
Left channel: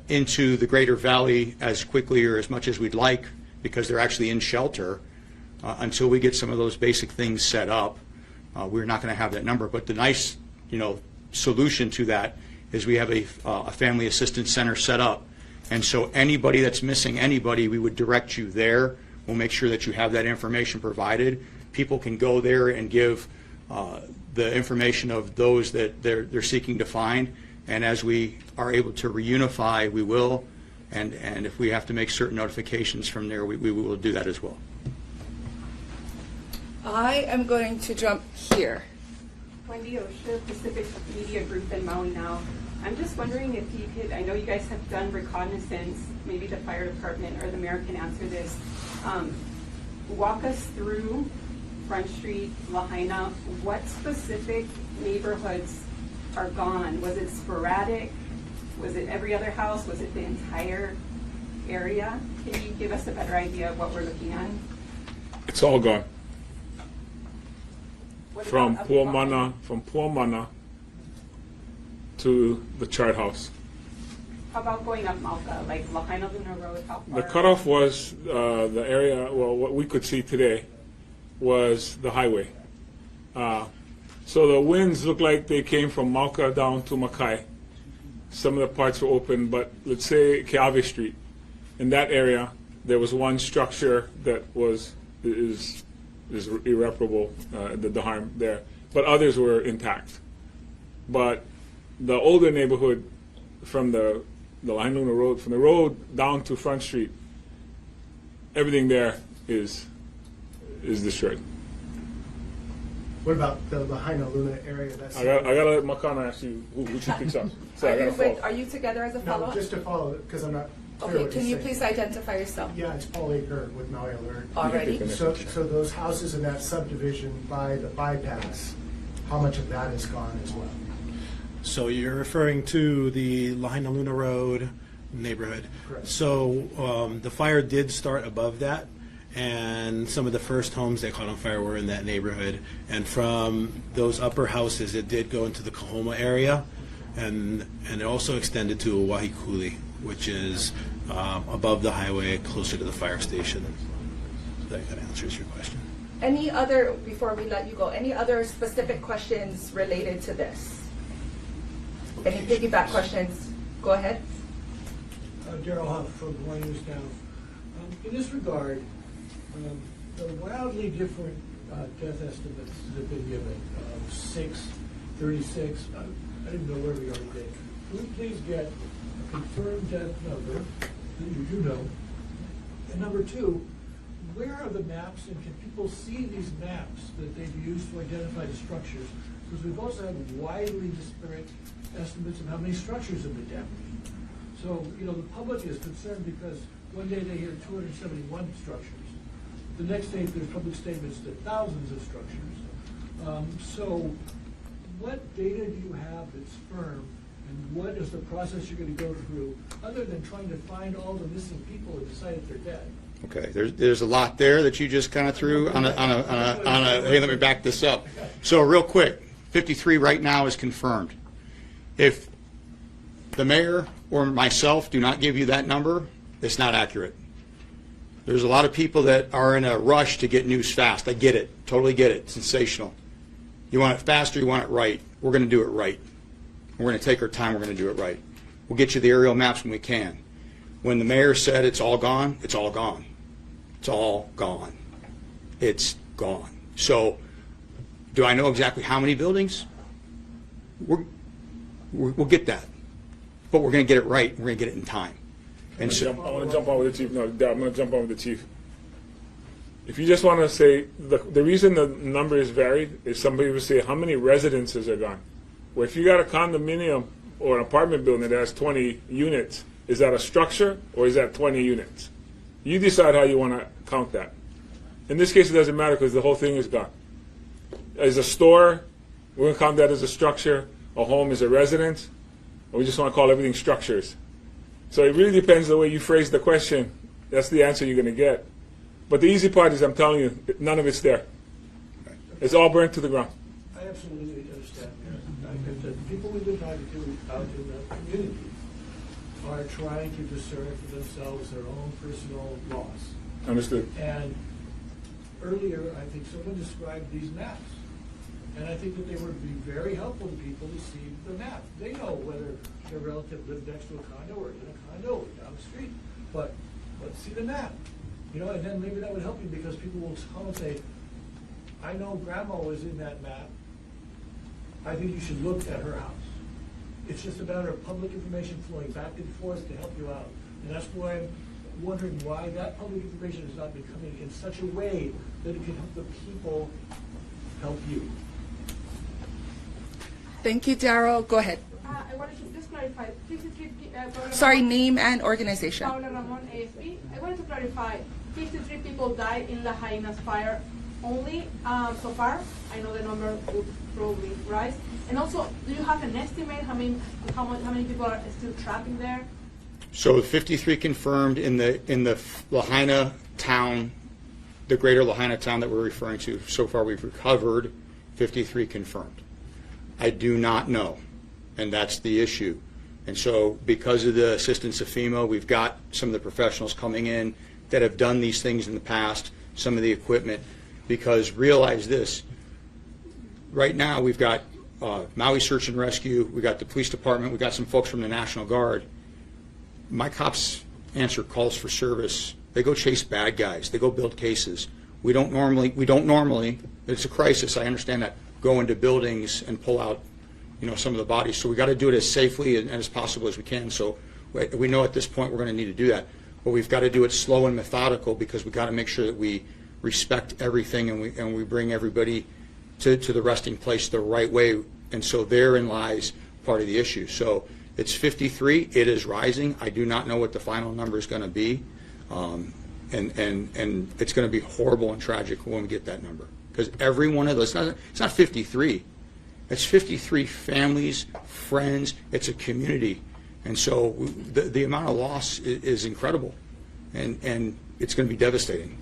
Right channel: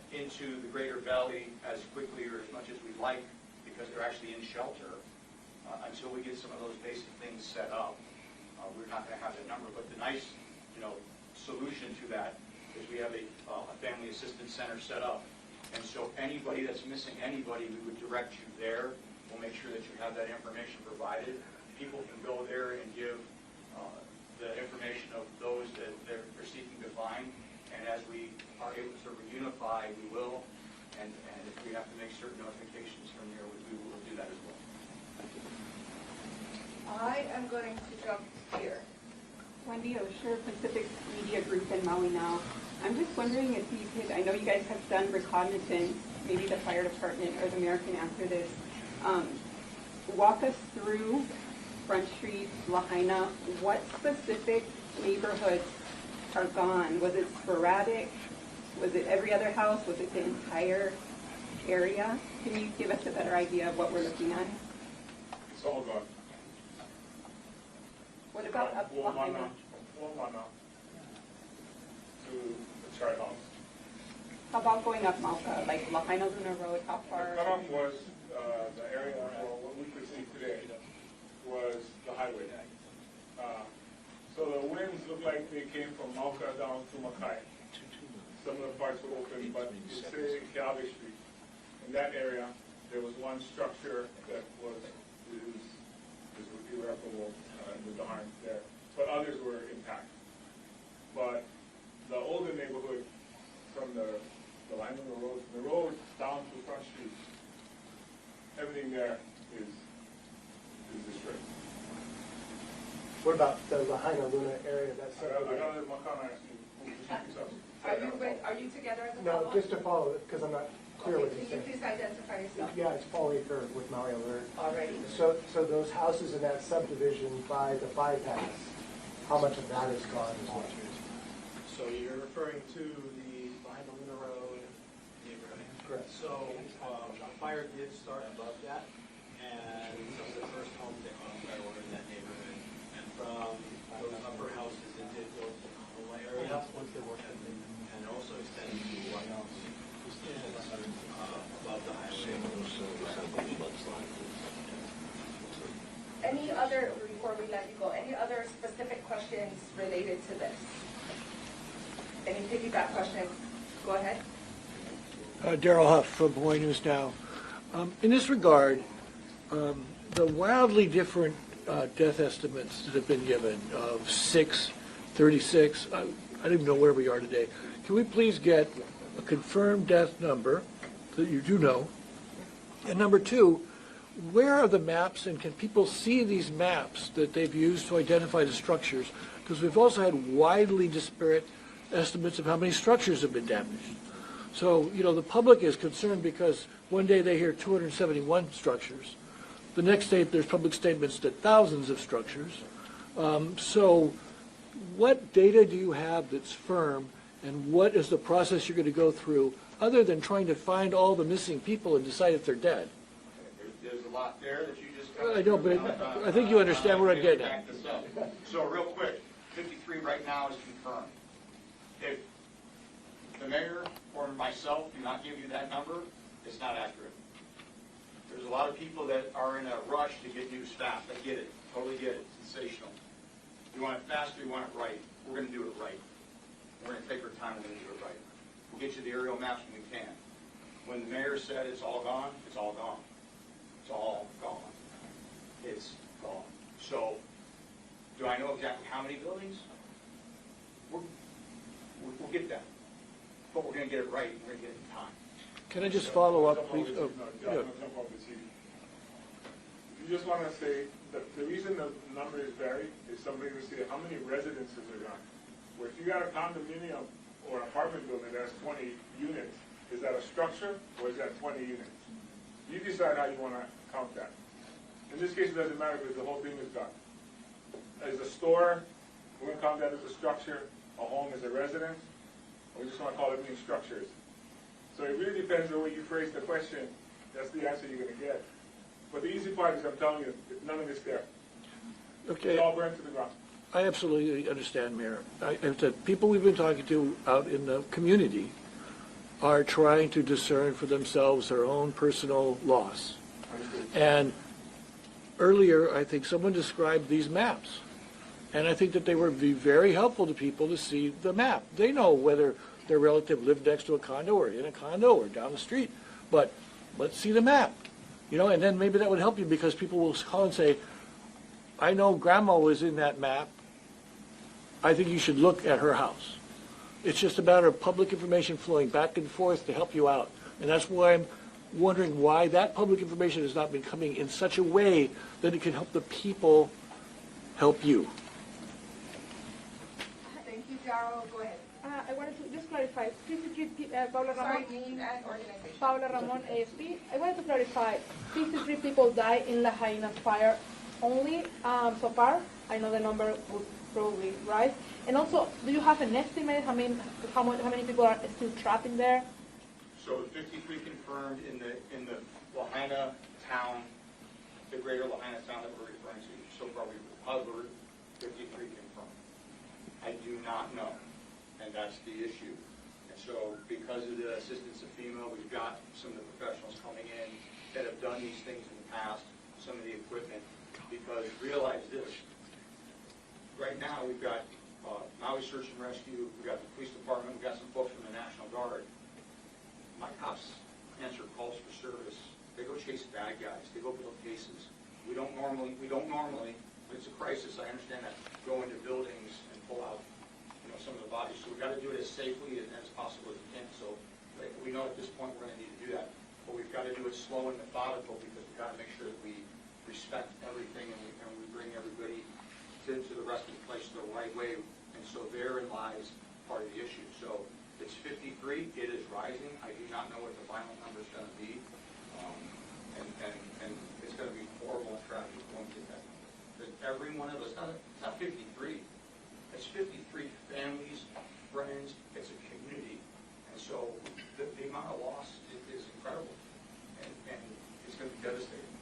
into the Greater Valley as quickly or as much as we'd like, because they're actually in shelter, until we get some of those basic things set up, we're not going to have that number. But the nice, solution to that is we have a family assistance center set up, and so anybody that's missing anybody, we would direct you there. We'll make sure that you have that information provided. People can go there and give the information of those that they're seeking to find, and as we are able to reunify, we will, and if we have to make certain notifications from there, we will do that as well. I am going to jump here. Wendy Osher, Pacific Media Group in Maui now. I'm just wondering if you could, I know you guys have done reconnaissance, maybe the fire department or the mayor can answer this. Walk us through Front Street, Lahaina. What specific neighborhoods are gone? Was it sporadic? Was it every other house? Was it the entire area? Can you give us a better idea of what we're looking at? It's all gone. What From about Puamana to the chart house. How about going up Malka, like Lahaina Luna Road? How far? The cutoff was the area, well, what we could see today was the highway. So the winds looked like they came from Malka down to Makai. Some of the parts were open, but let's say Keawe Street. In that area, there was one structure that is irreparable, the harm there, but others were intact. But the older neighborhood from the Lahaina Luna Road, from the road down to Front Street, everything there is destroyed. What about the Lahaina Luna area? That's I gotta let Makana ask you who she picks up. So I gotta follow. Are you together as a no, follow-up? just to follow it, because I'm not clear Okay, what can you're you saying. please identify yourself? Yeah, it's Paul Aker with Maui Alert. Already. So those houses in that subdivision by the bypass, how much of that is gone as well? So you're referring to the Lahaina Luna Road neighborhood. Correct. So the fire did start above that, and some of the first homes that caught on fire were in that neighborhood. And from those upper houses, it did go into the Kahoma area. and it also extended to Wahikuli, which is above the highway, closer to the fire station. That kind of answers your question. Any other, before we let you go, any other specific questions related to this? Any piggyback questions? Go ahead. Daryl Huff from Hawaii News Now. In this regard, the wildly different death estimates that have been given of 6, 36, I don't even know where we are today. Can we please get a confirmed death number that you do know? And number two, where are the maps, and can people see these maps that they've used to identify the structures? Because we've also had widely disparate estimates of how many structures have been damaged. So, you know, the public is concerned because one day they hear 271 structures. The next day there's public statements that thousands of structures. So what data do you have that's firm, and what is the process you're going to go through, other than trying to find all the missing people and decide if they're dead? Okay, there's a lot there that you just kind of threw on a, hey, let me back this up. So real quick, 53 right now is confirmed. If the mayor or myself do not give you that number, it's not accurate. There's a lot of people that are in a rush to get news fast. I get it, totally get it, sensational. You want it faster, you want it right. We're going to do it right. We're going to take our time, we're going to do it right. We'll get you the aerial maps when we can. When the mayor said it's all gone, it's all gone. It's all gone. It's gone. So, do I know exactly how many buildings? We'll get that. But we're going to get it right, and we're going to get it in time. I'm going to jump on with the chief. No, I'm going to jump on with the chief. If you just want to say, the reason the number is varied is somebody will say, how many residences are gone? Well, if you got a condominium or an apartment building that has 20 units, is that a structure or is that 20 units? You decide how you want to count that. In this case, it doesn't matter because the whole thing is gone. As a store, we're going to count that as a structure. A home is a residence. Or we just want to call everything structures. So it really depends the way you phrase the question. That's the answer you're going to get. But the easy part is, I'm telling you, none of it's there. Okay. It's all burnt to the ground. I absolutely understand, Mayor. The people we've been talking to out in the community are trying to discern for themselves their own personal loss. Understood. And earlier, I think someone described these maps. And I think that they would be very helpful to people to see the map. They know whether their relative lived next to a condo or in a condo or down the street. But let's see the map. You know, and then maybe that would help you, because people will call and say, I know grandma was in that map. I think you should look at her house. It's just a matter of public information flowing back and forth to help you out. And that's why I'm wondering why that public information has not been coming in such a way that it can help the people help you. Thank you, Daryl. Go ahead. I wanted to just clarify. 53 Sorry, name and organization. Paula Ramon, AFP. I wanted to clarify. 53 people died in Lahaina's fire only so far. I know the number would probably rise. And also, do you have an estimate how many people are still trapped in there? So 53 confirmed in the Lahaina town, the greater Lahaina town that we're referring to. So far we've recovered 53 confirmed. I do not know, and that's the issue. And so because of the assistance of FEMA, we've got some of the professionals coming in that have done these things in the past, some of the equipment, because realize this, right now we've got Maui Search and Rescue, we've got the police department, we've got some folks from the National Guard. My cops answer calls for service. They go chase bad guys. They go build cases. We don't normally, it's a crisis, I understand that, go into buildings and pull out, you know, some of the bodies. So we got to do it as safely and as possible as we can. So we know at this point we're going to need to do that. But we've got to do it slow and methodical, because we've got to make sure that we respect everything and we bring everybody to the resting place the right way. And so therein lies part of the issue. So it's 53. It is rising. I do not know what the final number is going to be. And it's going to be horrible and tragic when we get that number. Because every one of those, it's not 53. It's 53 families, friends. It's a community. And so the amount of loss is incredible. And it's going to be devastating.